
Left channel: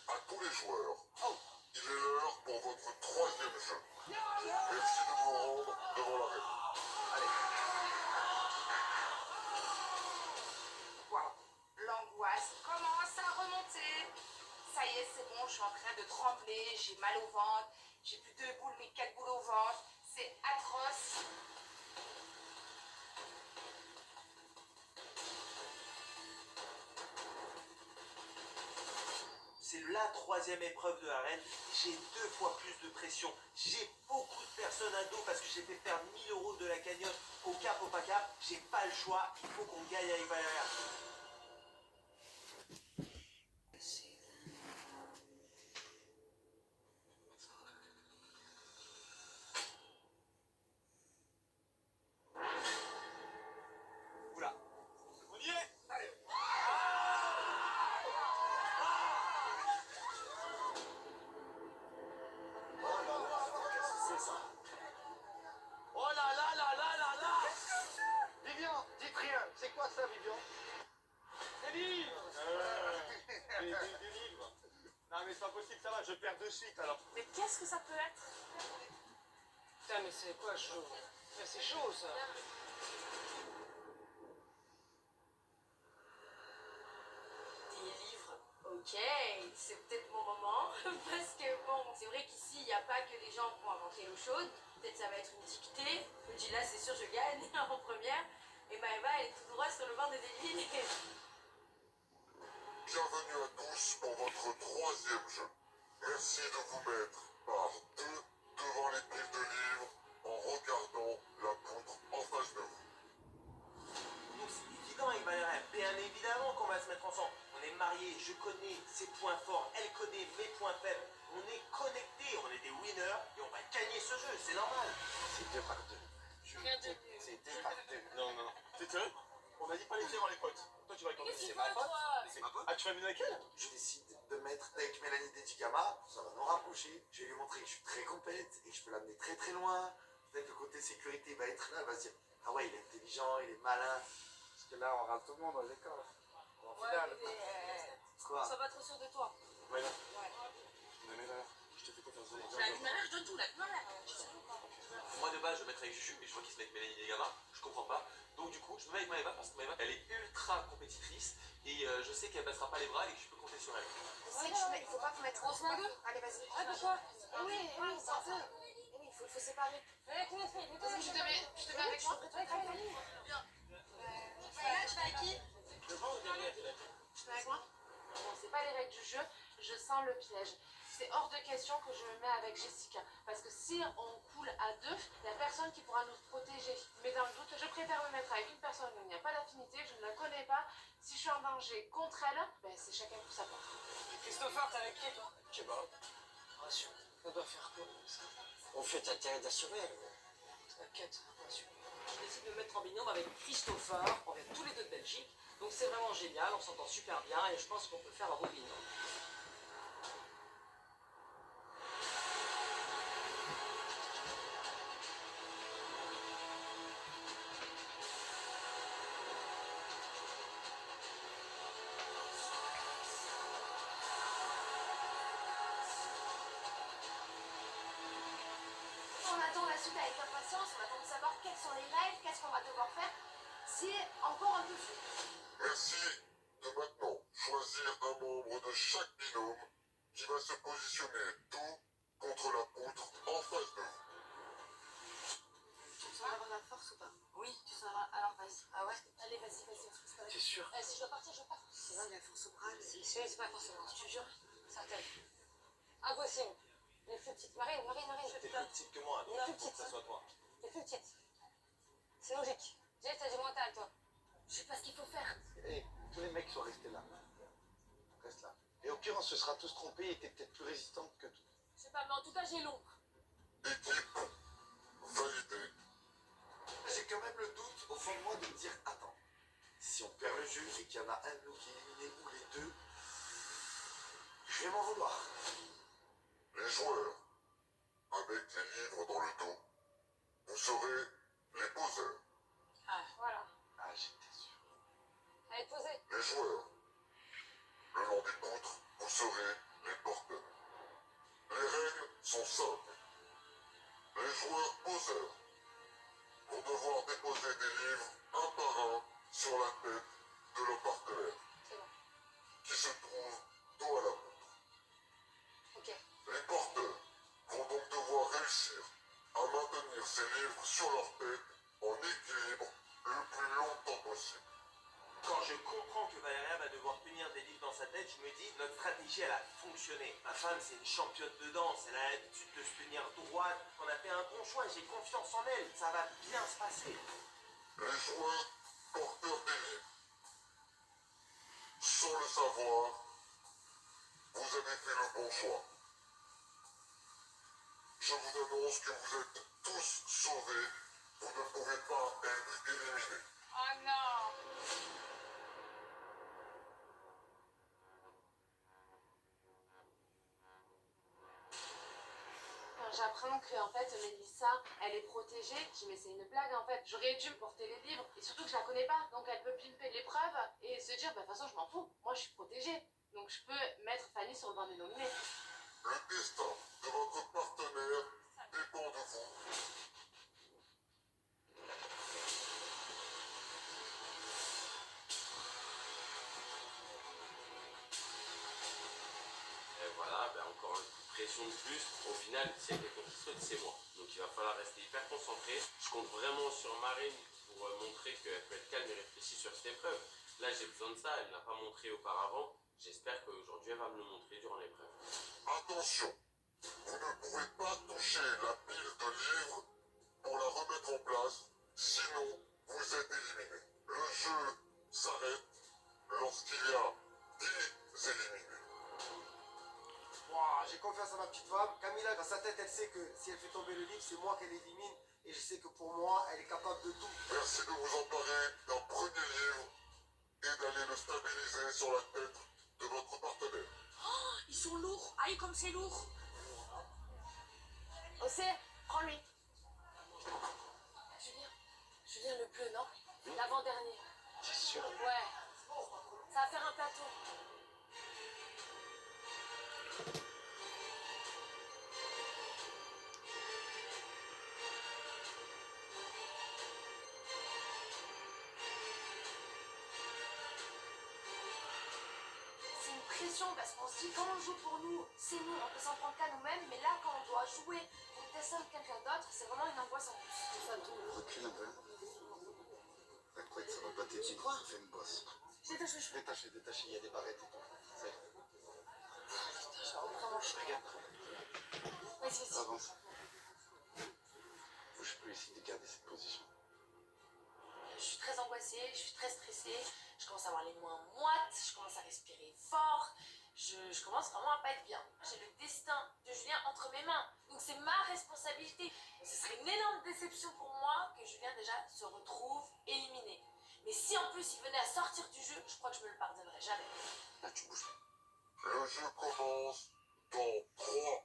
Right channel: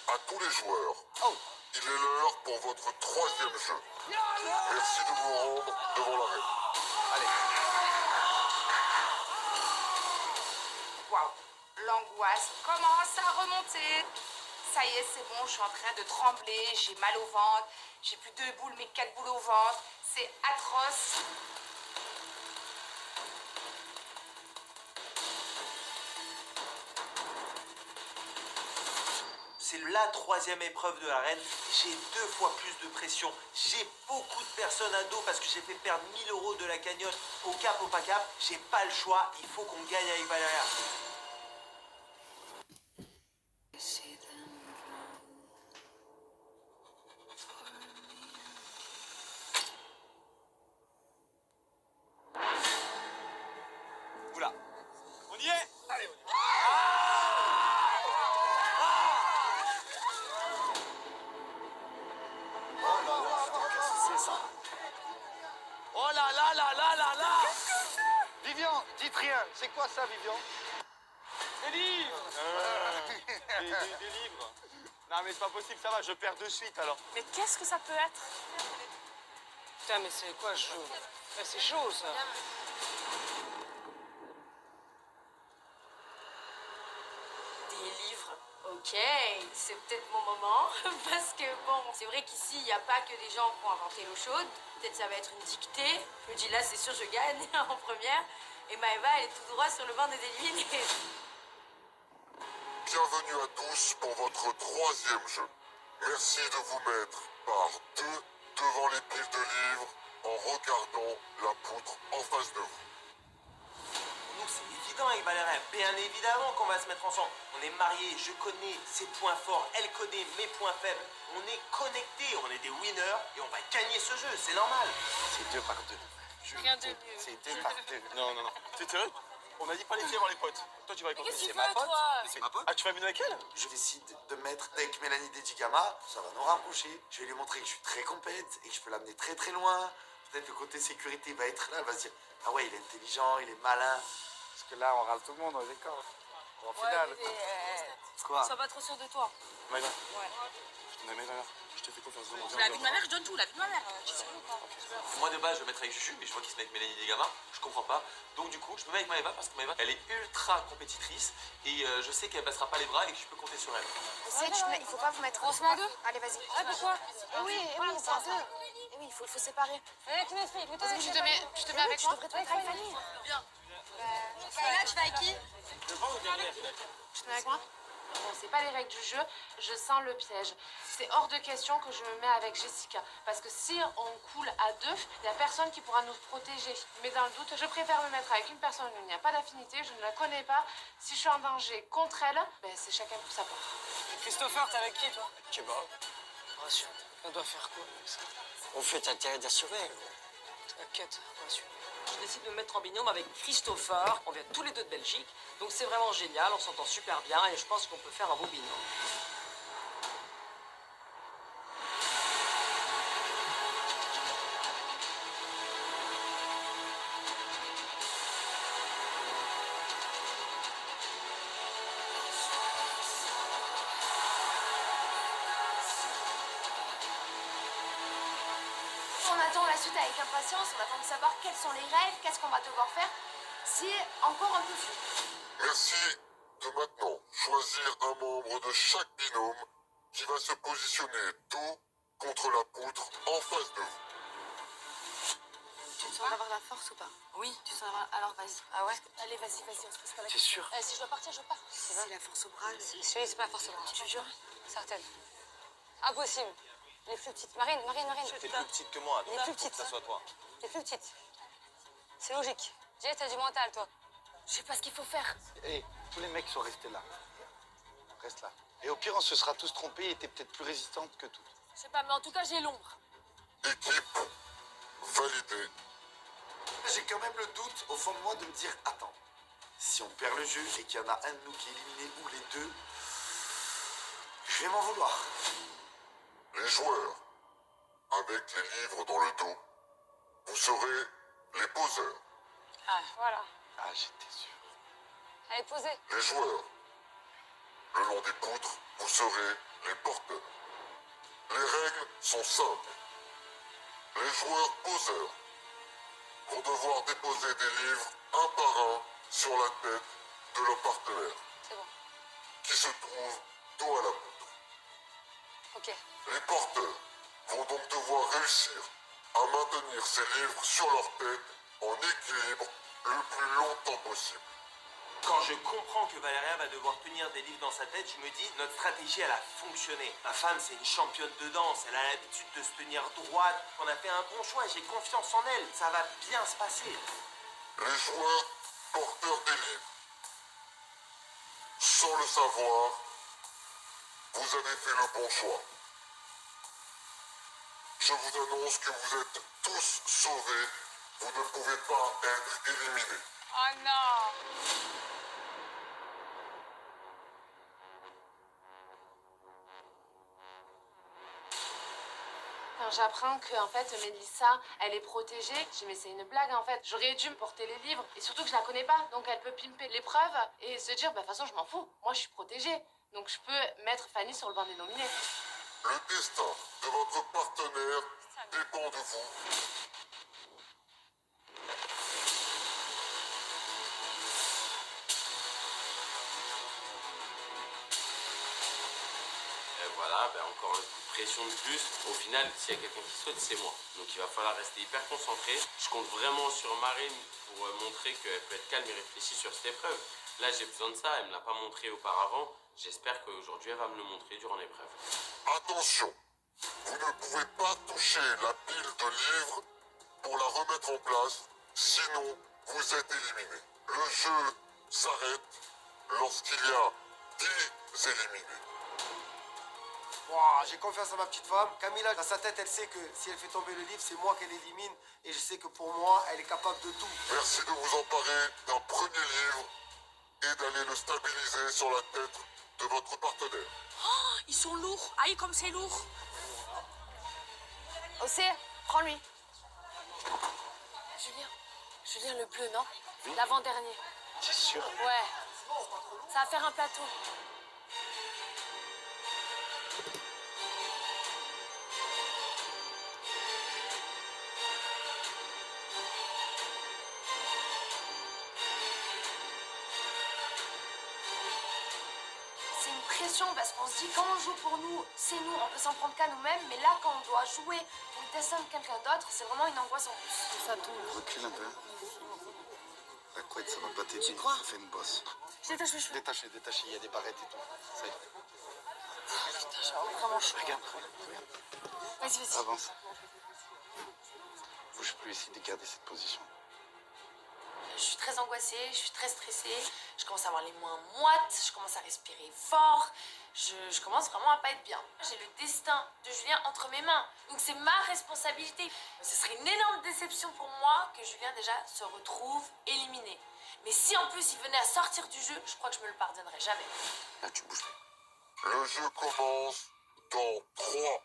À tous les joueurs, il est l'heure pour votre 3e jeu. Merci de vous rendre devant l'arène. Waouh, l'angoisse commence à remonter. Ça y est, c'est bon, je suis en train de trembler, j'ai mal au ventre, j'ai plus 2 boules mais 4 boules au ventre. C'est atroce. C'est la 3e épreuve de l'arène. J'ai 2 fois plus de pression. J'ai beaucoup de personnes à dos parce que j'ai fait perdre 1000 € de la cagnotte au cap, au pas cap. J'ai pas le choix. Il faut qu'on gagne avec Valéria. Oula. On y est. Allez, on y est. C'est ça. Oh là là là là là là. Vivian, Dites rien, c'est quoi ça, Vivian? Des livres des livres. Non mais c'est pas possible, ça va, je perds de suite alors. Mais qu'est-ce que ça peut être? Putain, mais c'est quoi chaud? C'est chaud ça. Des livres, ok, c'est peut-être mon moment, parce que bon, c'est vrai qu'ici, il n'y a pas que des gens qui ont inventé l'eau chaude. Peut-être ça va être une dictée. Je me dis là, c'est sûr, je gagne en première. Et Maëva, elle est tout droit sur le banc des éliminés. Bienvenue à tous pour votre troisième jeu. Merci de vous mettre par deux devant les piles de livres en regardant la poutre en face de vous. Donc c'est évident avec Valérie, bien évidemment qu'on va se mettre ensemble. On est mariés, je connais ses points forts, elle connaît mes points faibles. On est connectés, on est des winners et on va gagner ce jeu, c'est normal. C'est 2 par 2. Rien de mieux. C'est 2 par 2. Non, non, non. T'es sérieux? On m'a dit pas les faire avant les potes. Toi tu vas avec Mais qu'est-ce c'est qu'il ma veut, pote. toi? C'est ma pote. Ah, tu vas venir avec elle? Je décide de mettre avec Mélanie Dedigama, ça va nous rapprocher. Je vais lui montrer que je suis très compète et que je peux l'amener très très loin. Peut-être le côté sécurité va être là, elle va se dire ah ouais, il est intelligent, il est malin. Parce que là, on rase tout le monde aux écoles. En finale. Quoi? Sois pas trop sûr de toi. Maïva, Ouais. je te mets je te fais confiance. La vie de ma mère, je donne tout, la vie de ma mère. Tu sais ou pas? Moi de base je vais mettre avec Juju, mais je vois qu'il se met avec Mélanie Degama, je comprends pas. Donc du coup je me mets avec Maëva parce que Maëva elle est ultra compétitrice et je sais qu'elle baissera pas les bras et que je peux compter sur elle. Il faut pas vous mettre. On se met à deux? Allez, vas-y. Ah, pourquoi? Oui, c'est à deux. Et oui, il faut séparer. Avec mes filles, vous Vas-y, je te mets avec moi. Tu devrais te mettre avec Fanny. Là, tu vas avec qui? Tu te mets avec moi? Bon, c'est pas les règles du jeu, je sens le piège. C'est hors de question que je me mets avec Jessica. Parce que si on coule à deux, il n'y a personne qui pourra nous protéger. Mais dans le doute, je préfère me mettre avec une personne où il n'y a pas d'affinité, je ne la connais pas. Si je suis en danger contre elle, ben c'est chacun pour sa part. Christopher, t'es avec qui toi? Kebab. Rassure. On doit faire quoi avec ça? On fait intérêt d'assurer. T'inquiète, rassure. Je décide de me mettre en binôme avec Christopher. On vient tous les deux de Belgique. Donc c'est vraiment génial, on s'entend super bien et je pense qu'on peut faire un beau binôme. On attend la suite avec impatience, on attend de savoir quels sont les rêves, qu'est-ce qu'on va devoir faire. C'est encore un peu flou. Merci de maintenant choisir un membre de chaque binôme qui va se positionner dos contre la poutre en face de vous. Tu sens d'avoir la force ou pas? Oui. Tu sens d'avoir... Alors vas-y. Ah ouais? Allez, vas-y, on se pose pas la T'es question. sûr? Si je dois partir, je pars. C'est la force au bras. C'est pas forcément. Tu jures? Certaines. Impossible. Les plus petites. Marine. T'es plus petite que moi, Les plus petites. que ça soit toi. Les plus petites. C'est logique. Jay, t'as du mental, toi. Je sais pas ce qu'il faut faire. Et tous les mecs sont restés là. Reste là. Et au pire, on se sera tous trompés et t'es peut-être plus résistante que toutes. Je sais pas, mais en tout cas, j'ai l'ombre. Équipe validée. J'ai quand même le doute au fond de moi de me dire attends, si on perd le jeu et qu'il y en a un de nous qui est éliminé ou les deux, je vais m'en vouloir. Les joueurs, avec les livres dans le dos, vous serez les poseurs. Ah, voilà. Ah, j'étais sûr. Allez, posez. Les joueurs, le long des poutres, vous serez les porteurs. Les règles sont simples. Les joueurs poseurs vont devoir déposer des livres un par un sur la tête de leur partenaire, C'est bon. qui se trouve dos à la poutre. Ok. Les porteurs vont donc devoir réussir à maintenir ces livres sur leur tête en équilibre le plus longtemps possible. Quand je comprends que Valéria va devoir tenir des livres dans sa tête, je me dis, notre stratégie, elle a fonctionné. Ma femme, c'est une championne de danse, elle a l'habitude de se tenir droite. On a fait un bon choix, j'ai confiance en elle, ça va bien se passer. Les joueurs porteurs des livres, sans le savoir, vous avez fait le bon choix. Je vous annonce que vous êtes tous sauvés. Vous ne pouvez pas être éliminés. Oh non! Quand j'apprends que en fait Mélissa, elle est protégée, je dis mais c'est une blague en fait. J'aurais dû me porter les livres et surtout que je la connais pas, donc elle peut pimper l'épreuve et se dire bah de toute façon je m'en fous, moi je suis protégée, donc je peux mettre Fanny sur le banc des nominés. Le destin de votre partenaire dépend de vous. Voilà, ben encore un coup de pression de plus. Au final, s'il y a quelqu'un qui saute, c'est moi. Donc il va falloir rester hyper concentré. Je compte vraiment sur Marine pour montrer qu'elle peut être calme et réfléchie sur cette épreuve. Là, j'ai besoin de ça. Elle ne me l'a pas montré auparavant. J'espère qu'aujourd'hui, elle va me le montrer durant l'épreuve. Attention, vous ne pouvez pas toucher la pile de livres pour la remettre en place, sinon vous êtes éliminé. Le jeu s'arrête lorsqu'il y a 10 éliminés. Ouah, j'ai confiance en ma petite femme. Camilla, dans sa tête, elle sait que si elle fait tomber le livre, c'est moi qu'elle élimine. Et je sais que pour moi, elle est capable de tout. Merci de vous emparer d'un premier livre et d'aller le stabiliser sur la tête de votre partenaire. Oh, ils sont lourds. Aïe, comme c'est lourd. Océ, prends-lui. Julien, le bleu, non? L'avant-dernier. T'es sûr? Ouais. Ça va faire un plateau. C'est une pression parce qu'on se dit quand on joue pour nous, c'est nous, on peut s'en prendre qu'à nous-mêmes, mais là quand on doit jouer pour le destin de quelqu'un d'autre, c'est vraiment une angoisse en plus. Ça tombe. Recule un peu. La couette, ça va pas t'aider. Ça fait une bosse. Je détache mes cheveux. Détachez, détachez, il y a des barrettes et tout. Ça y est. Putain, j'ai vraiment chaud. Regarde. Vas-y. Avance. Bouge plus, essaye de garder cette position. Je suis très angoissée, je suis très stressée, je commence à avoir les mains moites, je commence à respirer fort, je commence vraiment à pas être bien. J'ai le destin de Julien entre mes mains, donc c'est ma responsabilité. Ce serait une énorme déception pour moi que Julien déjà se retrouve éliminé. Mais si en plus il venait à sortir du jeu, je crois que je me le pardonnerai jamais. Là, tu bouges plus. Le jeu commence dans 3,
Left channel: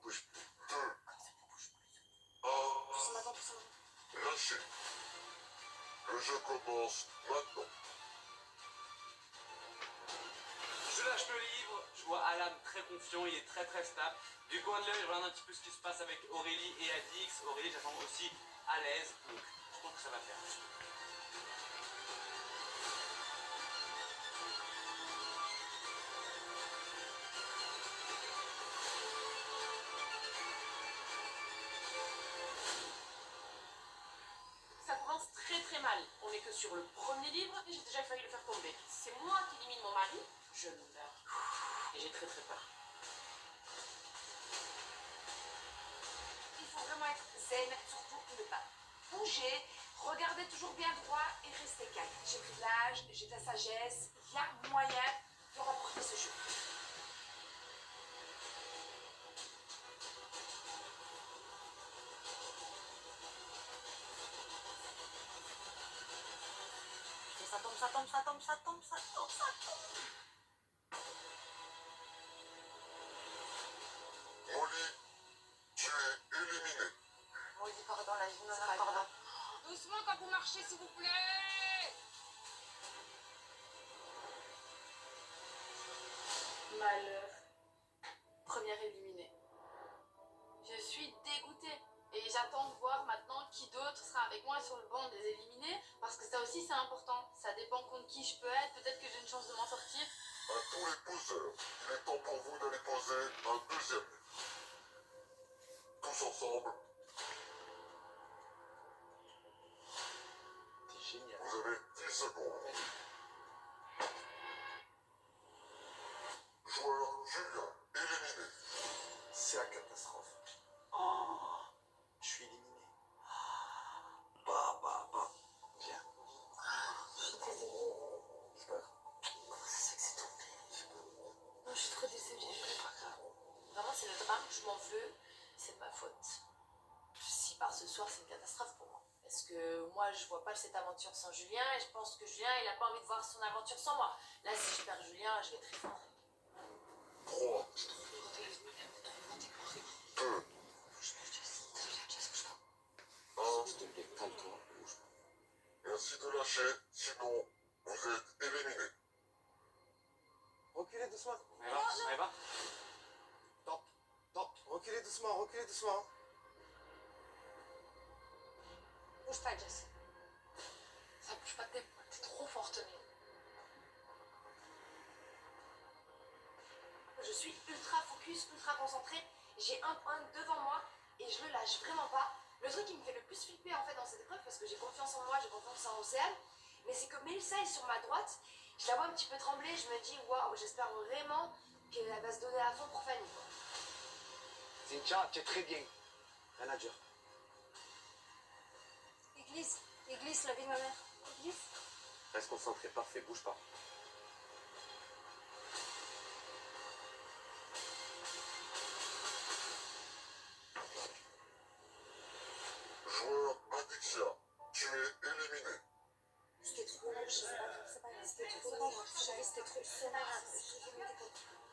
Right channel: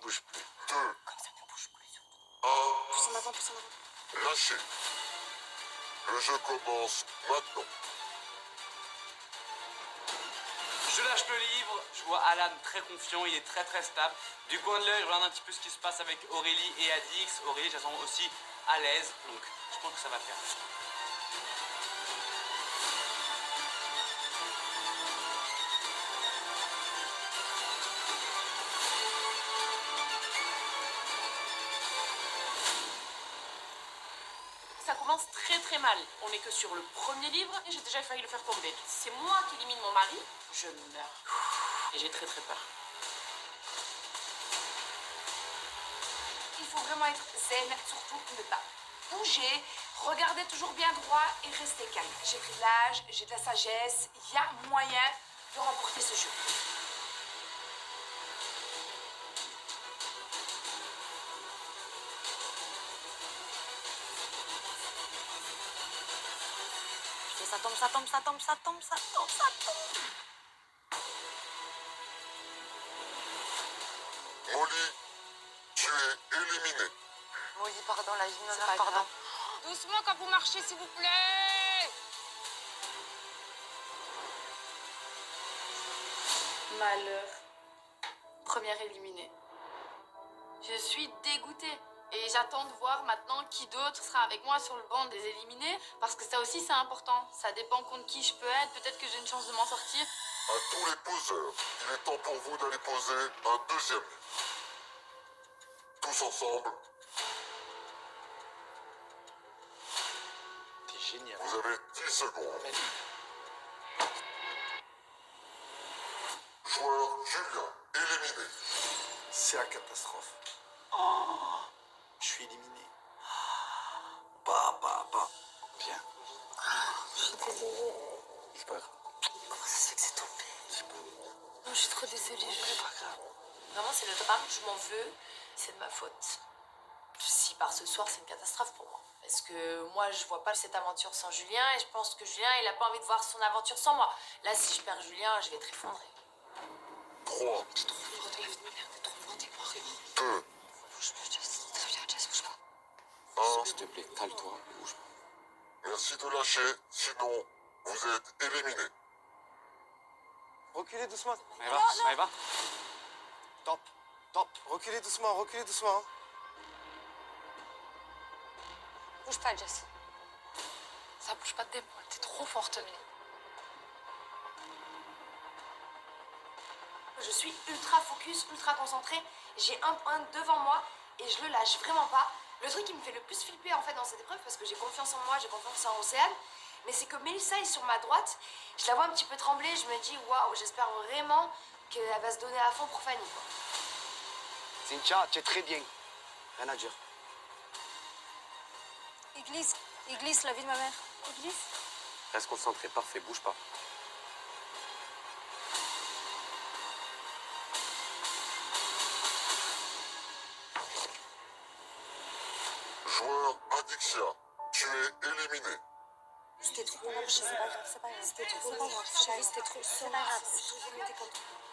Bouge plus. 2, Comme ça ne bouge plus. 1. Pousse en avant. Lâchez. Le jeu commence maintenant. Je lâche le livre, je vois Alan très confiant, il est très stable. Du coin de l'œil, je regarde un petit peu ce qui se passe avec Aurélie et Adix. Aurélie, je la sens aussi à l'aise, donc je pense que ça va faire. Ça commence très mal. On n'est que sur le premier livre et j'ai déjà failli le faire tomber. C'est moi qui élimine mon mari, je meurs. Et j'ai très peur. Il faut vraiment être zen, surtout ne pas bouger, regarder toujours bien droit et rester calme. J'ai pris de l'âge, j'ai de la sagesse, il y a moyen de remporter ce jeu. Ça tombe. Molly, tu es éliminée. Molly, pardon, la gymnase, pardon. Doucement quand vous marchez, s'il vous plaît. Malheur. Première éliminée. Je suis dégoûtée. Et j'attends de voir maintenant qui d'autre sera avec moi sur le banc des éliminés. Parce que ça aussi, c'est important. Ça dépend contre qui je peux être. Peut-être que j'ai une chance de m'en sortir. À tous les poseurs, il est temps pour vous d'aller poser un deuxième livre. Tous ensemble. T'es génial. Vous avez 10 secondes. Joueur Julien, éliminé. C'est la catastrophe. Oh, je suis éliminé. Bien. Je suis désolée. C'est pas grave. Comment ça se fait que c'est tombé? Non, je suis trop désolée. C'est pas grave. Vraiment, c'est le drame. Je m'en veux. C'est de ma faute. Si par ce soir, c'est une catastrophe pour moi. Parce que moi, je vois pas cette aventure sans Julien. Et je pense que Julien, il a pas envie de voir son aventure sans moi. Là, si je perds Julien, je vais être effondrée. 3, 2, lâcher, sinon vous êtes éliminés. Reculez doucement. Maëva. Top, top. Reculez doucement, reculez doucement. Hein. Bouge pas, Jess. Ça bouge pas de tes poils, t'es trop forte, Mélie. Je suis ultra focus, ultra concentrée. J'ai un point devant moi et je le lâche vraiment pas. Le truc qui me fait le plus flipper en fait dans cette épreuve, parce que j'ai confiance en moi, j'ai confiance en Océane, mais c'est que Mélissa est sur ma droite. Je la vois un petit peu trembler, je me dis waouh, j'espère vraiment qu'elle va se donner à fond pour Fanny, quoi. Cynthia, tu es très bien. Rien à dire. Il glisse la vie de ma mère. Il glisse. Reste concentré, parfait, bouge pas. Joueur Adixia, tu es éliminé. C'était trop grave, c'est pas grave, c'est pas grave. C'était trop grave, chérie, c'était trop. C'est pas grave, je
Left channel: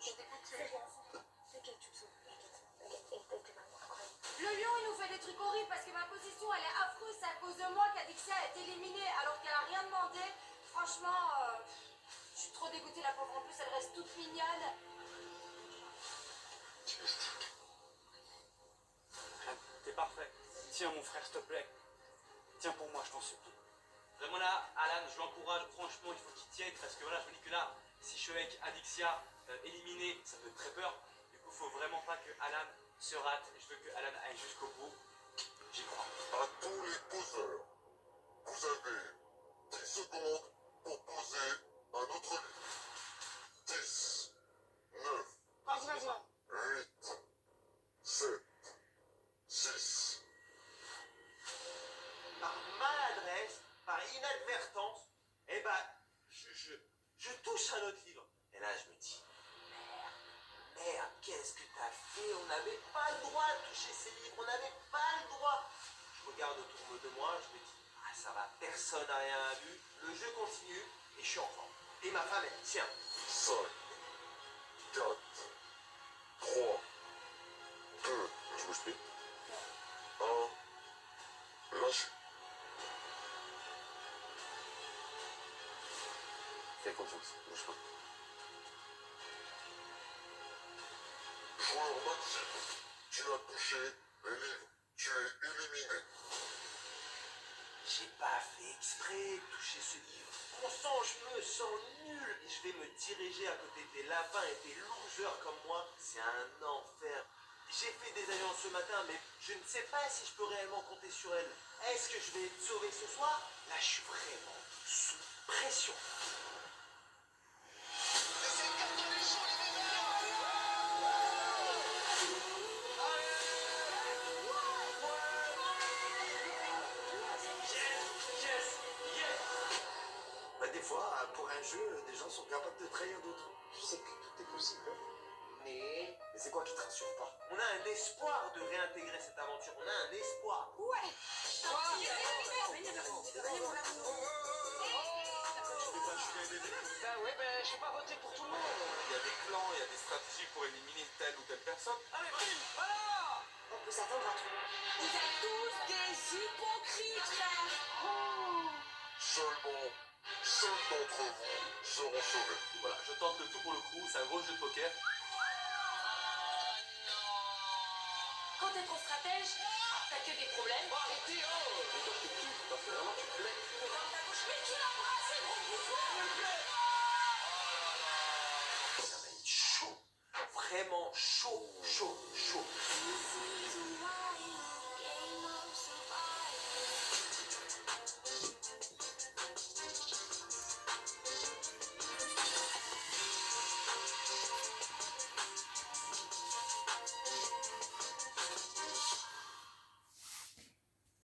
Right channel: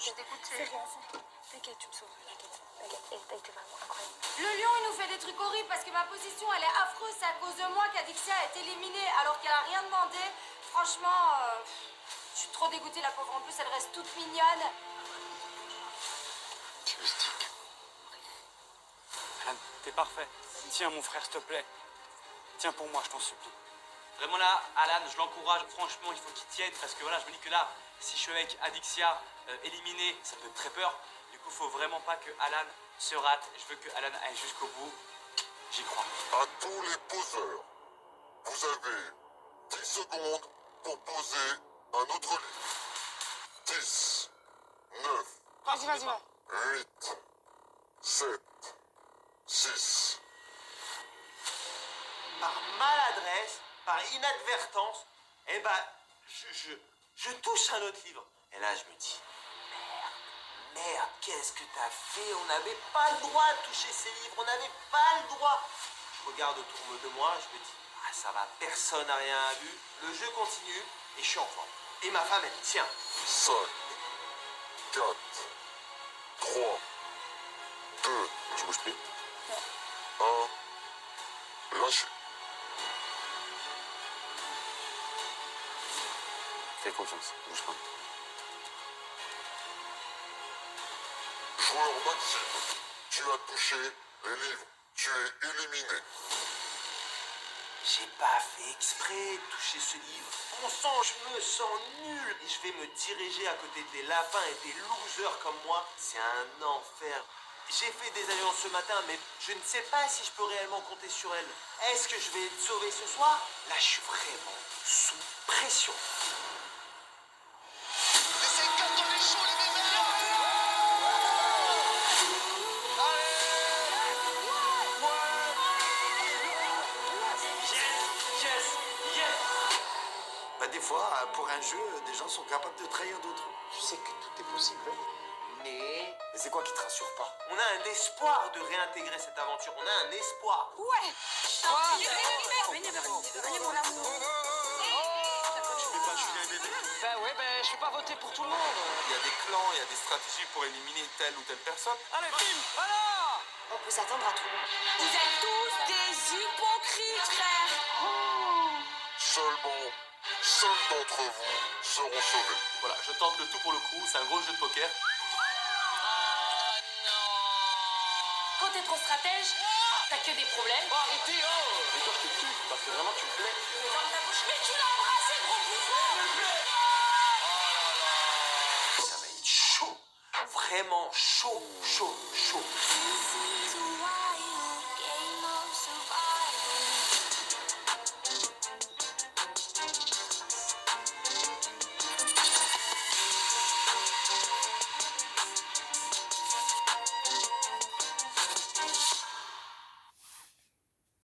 suis dégoûtée. T'inquiète, tu me sauves, t'inquiète. Elle était vraiment incroyable. Le lion, il nous fait des trucs horribles parce que ma position, elle est affreuse. C'est à cause de moi qu'Adixia est éliminée alors qu'elle a rien demandé. Franchement, je suis trop dégoûtée, la pauvre. En plus, elle reste toute mignonne. Tu mystique. Alan, t'es parfait. Tiens, mon frère, s'il te plaît. Tiens pour moi, je t'en supplie. Vraiment là, Alan, je l'encourage. Franchement, il faut qu'il tienne parce que voilà, je me dis que là, si je suis avec Adixia éliminée, ça me fait très peur. Du coup, faut vraiment pas que Alan se rate. Je veux que Alan aille jusqu'au bout. J'y crois. À tous les poseurs, vous avez 10 secondes pour poser un autre livre. 10, 9, Vas-y. 8, 7, 6. Par maladresse, par inadvertance, eh ben, je touche un autre livre. Et là, je me dis, merde, qu'est-ce que t'as fait? On n'avait pas le droit de toucher ces livres, on n'avait pas le droit. Je regarde autour de moi, je me dis, ah, ça va, personne n'a rien vu. Le jeu continue et je suis en forme. Et ma femme, elle dit, tiens. 5, 4, 3, 2, tu bouges plus. 1, lâchez. Fais confiance, bouge pas. Joueur Maxime, tu as touché les livres. Tu es éliminé. J'ai pas fait exprès de toucher ce livre. Bon sang, je me sens nul. Et je vais me diriger à côté des lapins et des losers comme moi. C'est un enfer. J'ai fait des alliances ce matin, mais je ne sais pas si je peux réellement compter sur elles. Est-ce que je vais être sauvé ce soir? Là, je suis vraiment sous pression. Bah, des fois, pour un jeu, des gens sont capables de trahir d'autres. Je sais que tout est possible, Mais c'est quoi qui te rassure pas? on a un espoir de réintégrer cette aventure. On a un espoir. Ouais. Venez, mon amour. Ben ouais, je vais pas voter pour tout le monde. Il y a des clans, il y a des stratégies pour éliminer telle ou telle personne. Allez, bim, voilà. On peut s'attendre à tout. Vous êtes tous des hypocrites, frère. Seulement 5 d'entre vous seront sauvés. Voilà, je tente le tout pour le coup, c'est un gros jeu de poker. Quand t'es trop stratège, t'as que des problèmes. Oh, arrêtez, oh. Mais toi, je te tue, parce que vraiment, tu me plais. Ferme ta bouche. Mais tu l'as embrassé, gros bouffon. Ça va être chaud. Vraiment chaud, chaud, chaud.